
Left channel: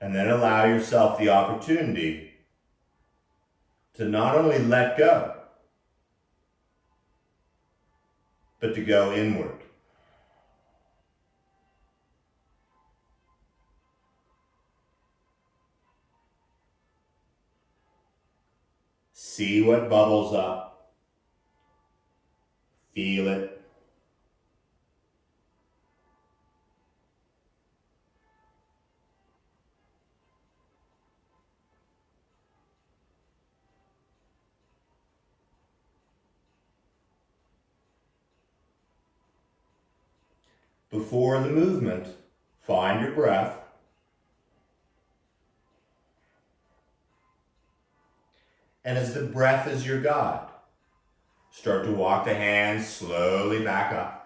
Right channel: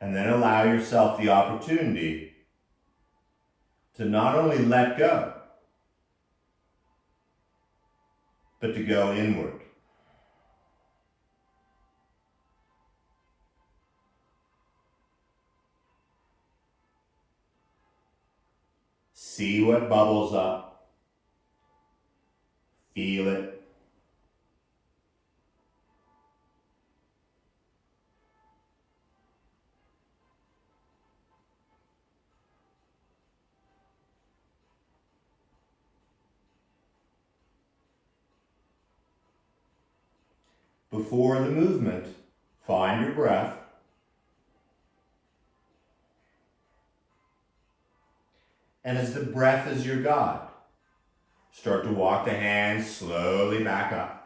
and then allow yourself the opportunity to not only let go, but to go inward. See what bubbles up. Feel it. Before the movement, find your breath. And as the breath is your guide, start to walk the hands slowly back up.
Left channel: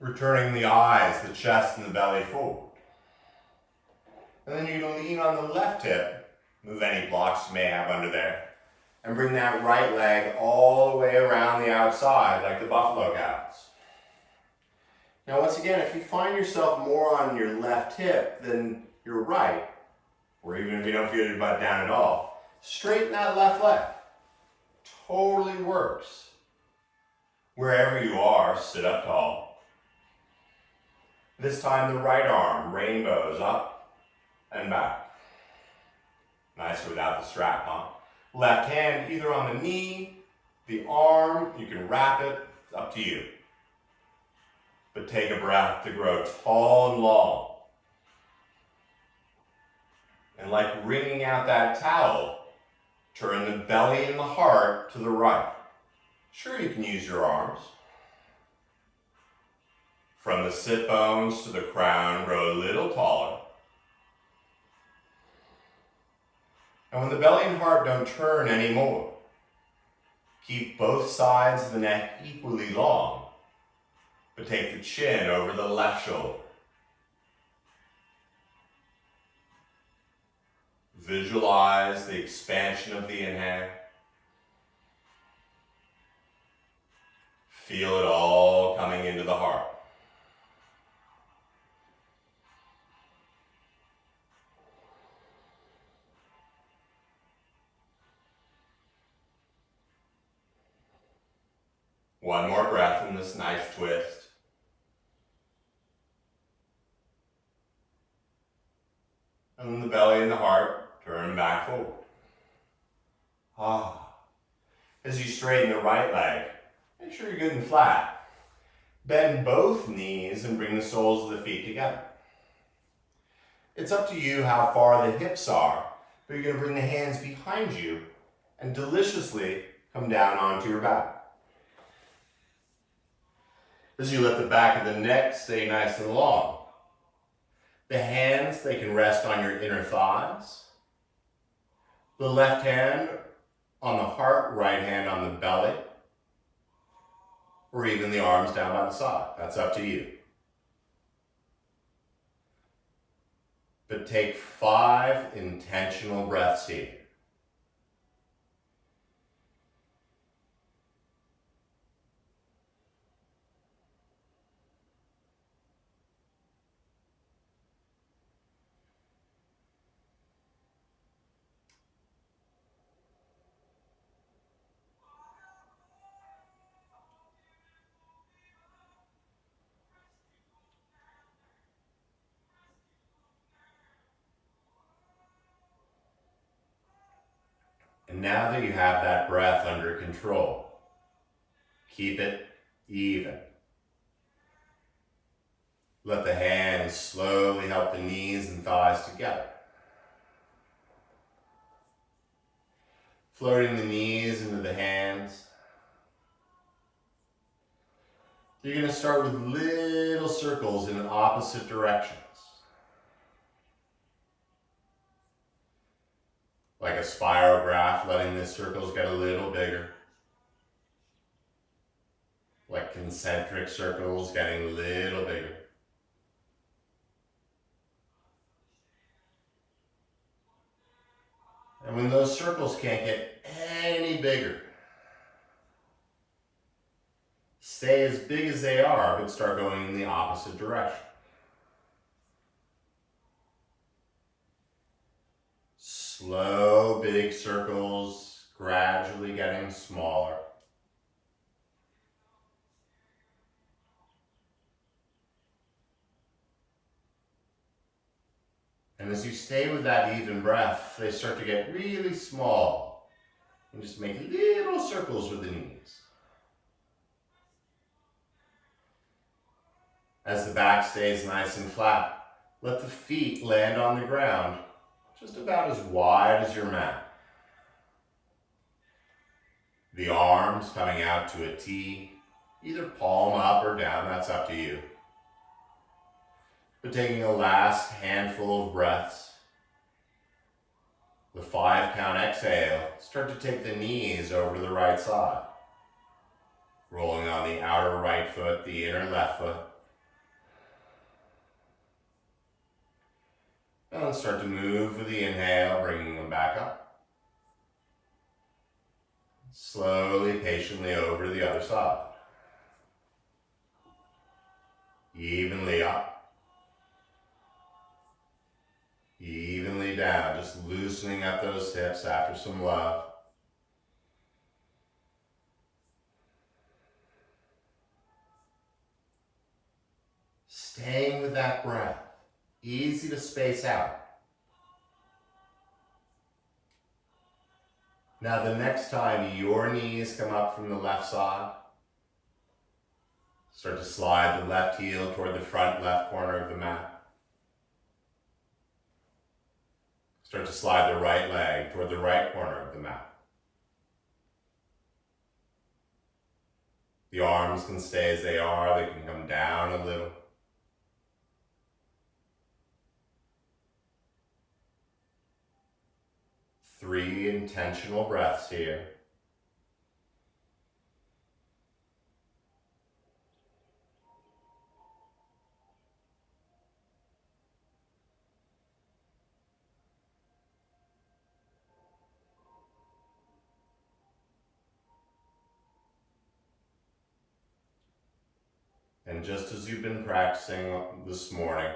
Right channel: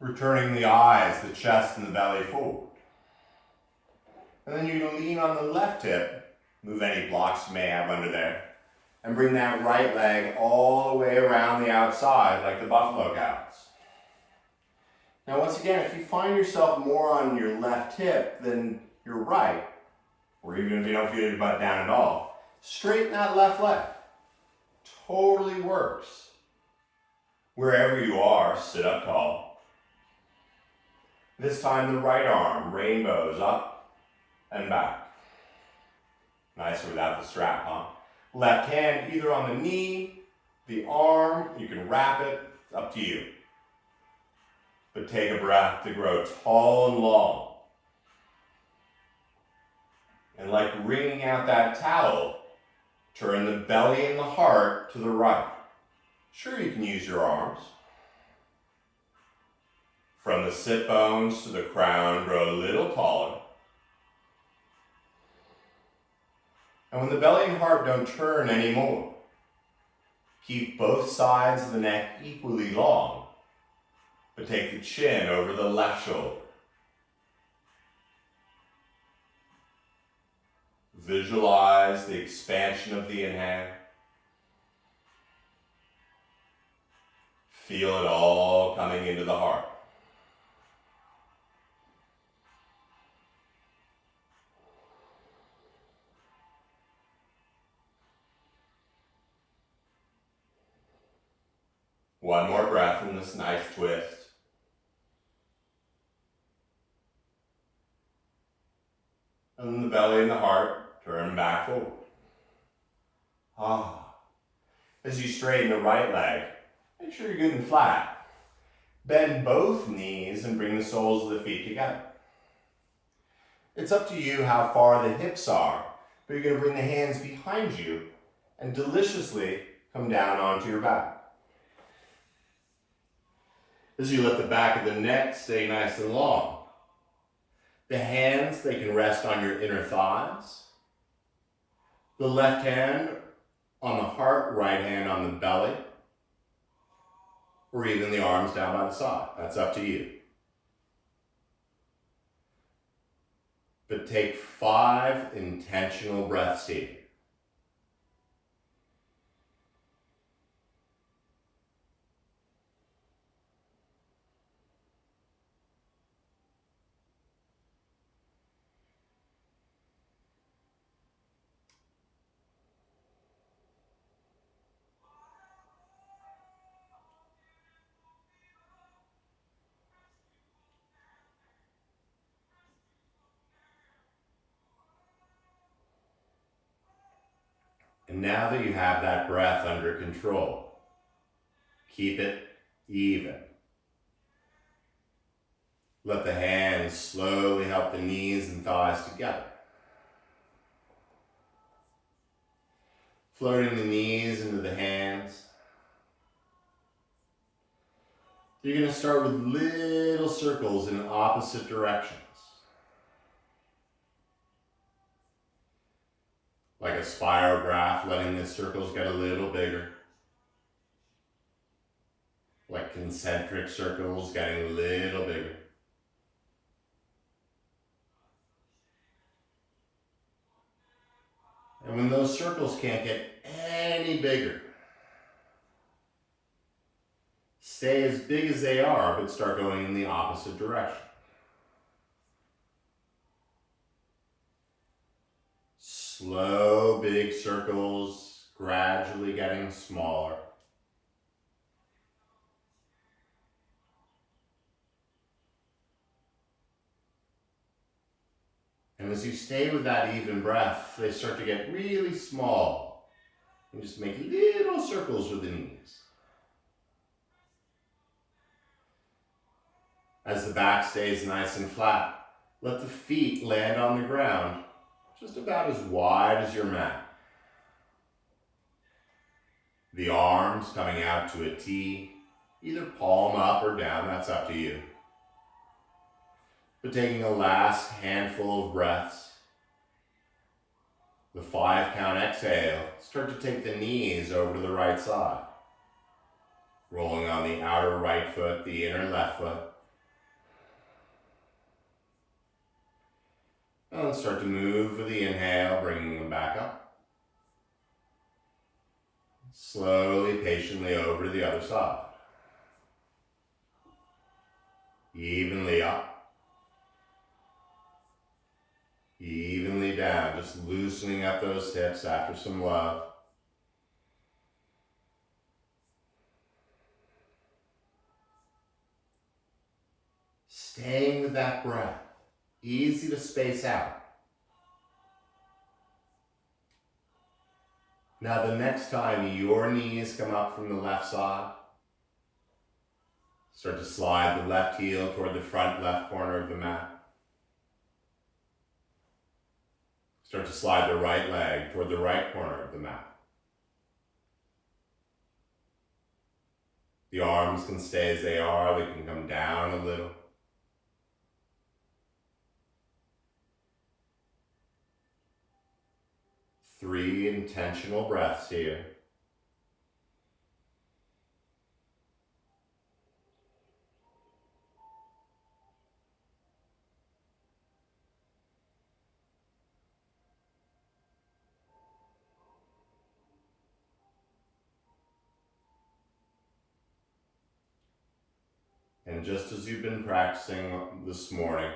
Returning the eyes, the chest, and the belly forward. And then you're going to lean on the left hip, move any blocks you may have under there, and bring that right leg all the way around the outside like the buffalo cows. Now once again, if you find yourself more on your left hip than your right, or even if you don't feel your butt down at all, straighten that left leg. Totally works. Wherever you are, sit up tall. This time the right arm rainbows up and back. Nicer without the strap, huh? Left hand either on the knee, the arm, you can wrap it, it's up to you. But take a breath to grow tall and long. And like wringing out that towel, turn the belly and the heart to the right. Sure, you can use your arms. From the sit bones to the crown, grow a little taller. And when the belly and heart don't turn anymore, keep both sides of the neck equally long, but take the chin over the left shoulder. Visualize the expansion of the inhale. Feel it all coming into the heart. One more breath in this nice twist. And then the belly and the heart turn back forward. As you straighten the right leg, make sure you're good and flat. Bend both knees and bring the soles of the feet together. It's up to you how far the hips are, but you're going to bring the hands behind you and deliciously come down onto your back. As you let the back of the neck stay nice and long. The hands, they can rest on your inner thighs. The left hand on the heart, right hand on the belly, or even the arms down by the side. That's up to you. But take 5 intentional breaths here. And now that you have that breath under control, keep it even. Let the hands slowly help the knees and thighs together. Floating the knees into the hands. You're going to start with little circles in opposite directions. Like a spirograph, letting the circles get a little bigger. Like concentric circles getting a little bigger. And when those circles can't get any bigger, stay as big as they are, but start going in the opposite direction. Slow, big circles, gradually getting smaller. And as you stay with that even breath, they start to get really small. And just make little circles with the knees. As the back stays nice and flat, let the feet land on the ground just about as wide as your mat. The arms coming out to a T, Either palm up or down, that's up to you. But taking a last handful of breaths, the 5-count exhale, start to take the knees over to the right side. Rolling on the outer right foot, the inner left foot. And then start to move for the inhale, bringing them back up. Slowly, patiently over to the other side. Evenly up. Evenly down, just loosening up those hips after some love. Staying with that breath, easy to space out. Now the next time your knees come up from the left side, start to slide the left heel toward the front left corner of the mat. Start to slide the right leg toward the right corner of the mat. The arms can stay as they are, they can come down a little. Three intentional breaths here. And just as you've been practicing this morning,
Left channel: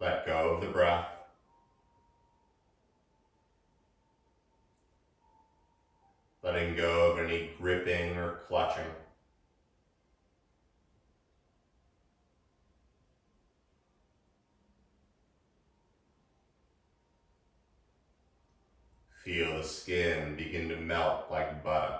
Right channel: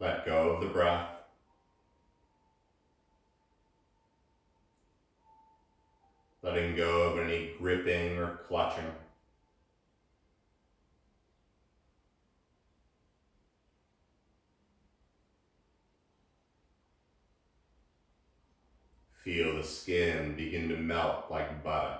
let go of the breath. Letting go of any gripping or clutching. Feel the skin begin to melt like butter.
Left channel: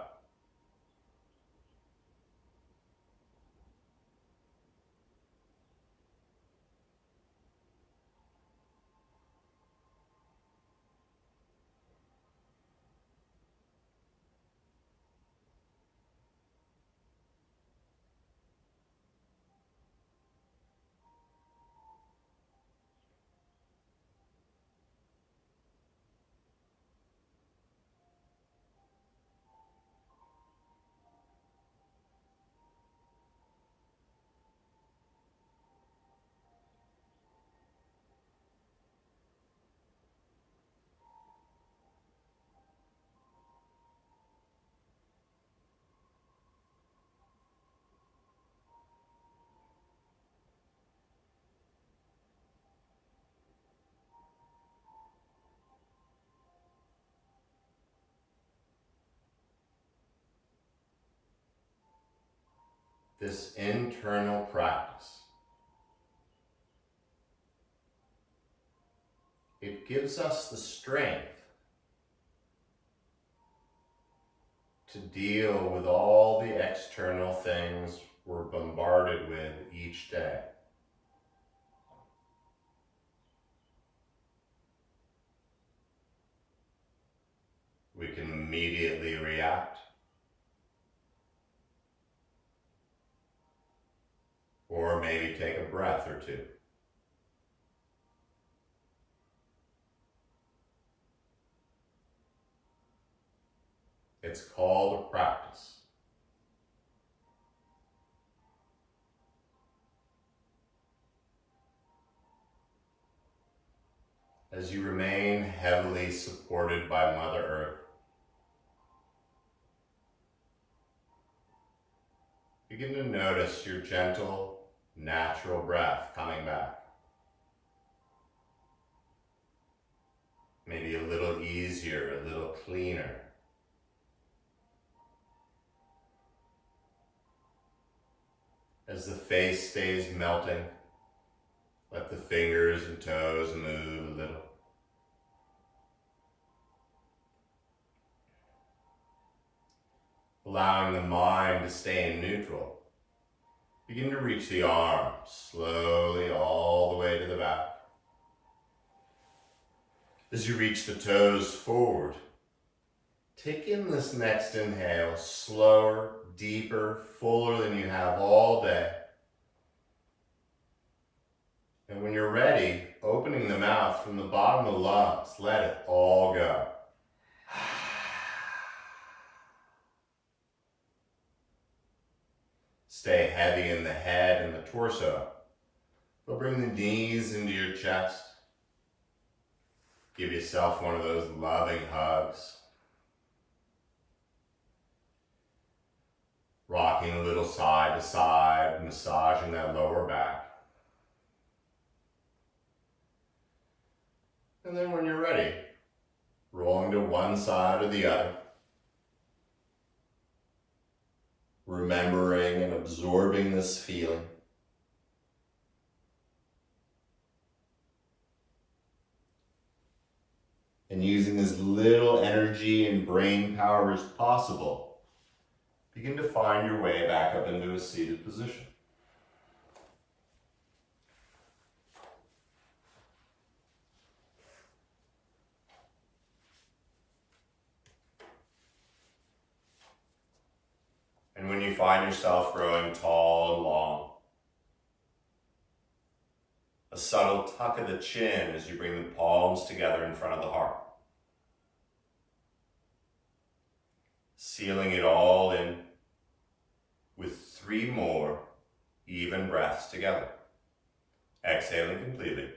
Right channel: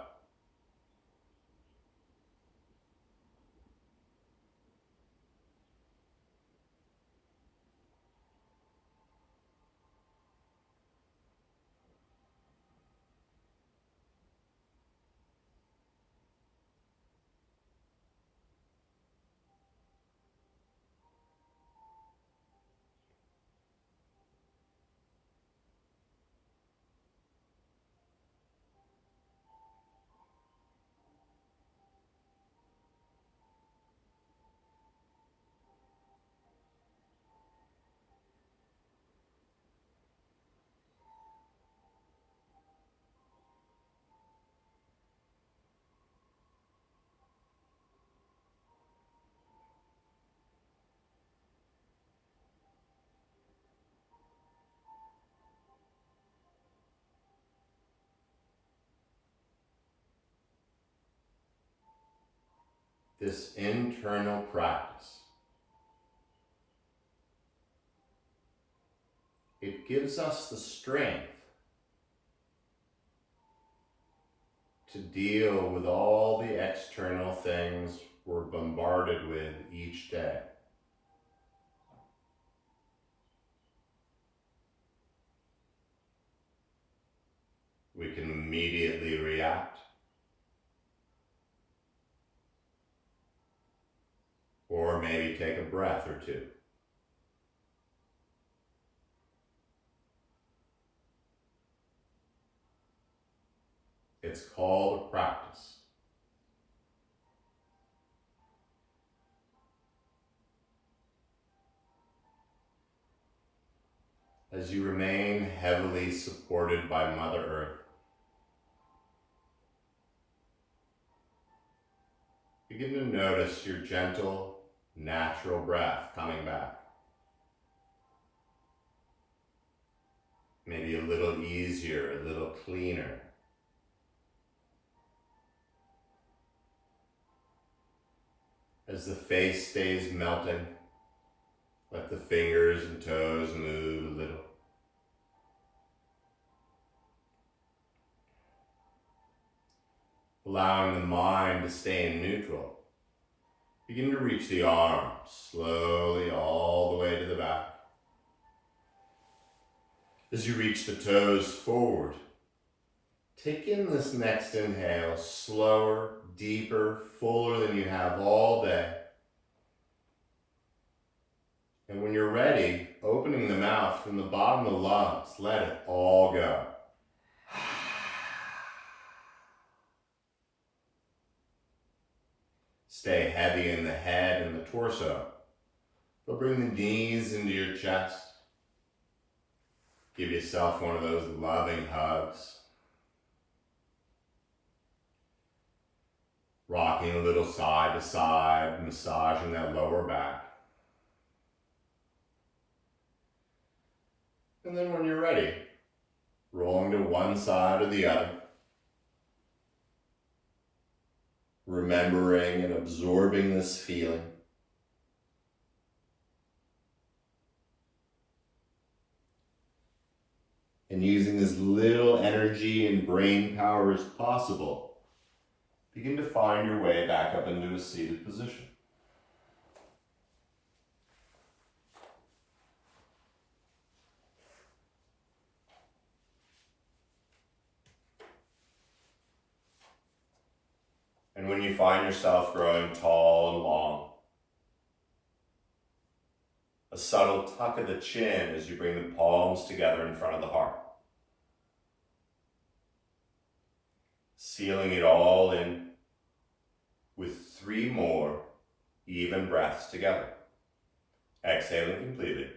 This internal practice, it gives us the strength to deal with all the external things we're bombarded with each day. We can immediately react, or maybe take a breath or two. It's called a practice. As you remain heavily supported by Mother Earth, begin to notice your gentle, natural breath coming back. Maybe a little easier, a little cleaner. As the face stays melting, let the fingers and toes move a little. Allowing the mind to stay in neutral. Begin to reach the arms slowly all the way to the back. As you reach the toes forward, take in this next inhale slower, deeper, fuller than you have all day. And when you're ready, opening the mouth from the bottom of the lungs, let it all go. Stay heavy in the head and the torso, but bring the knees into your chest. Give yourself one of those loving hugs. Rocking a little side to side, massaging that lower back. And then when you're ready, rolling to one side or the other. Remembering and absorbing this feeling. And using as little energy and brain power as possible, begin to find your way back up into a seated position. And when you find yourself growing tall and long, a subtle tuck of the chin as you bring the palms together in front of the heart. Sealing it all in with 3 more even breaths together. Exhaling completely.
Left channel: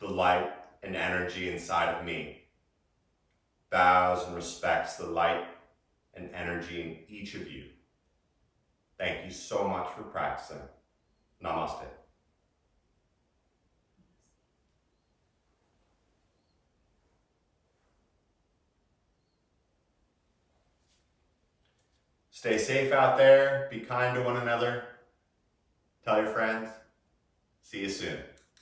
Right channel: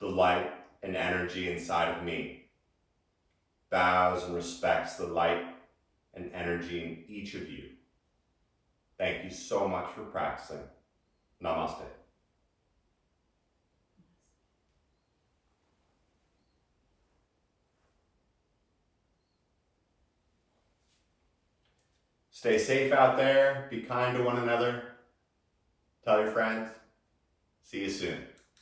The light and energy inside of me bows and respects the light and energy in each of you. Thank you so much for practicing. Namaste. Stay safe out there. Be kind to one another. Tell your friends. See you soon.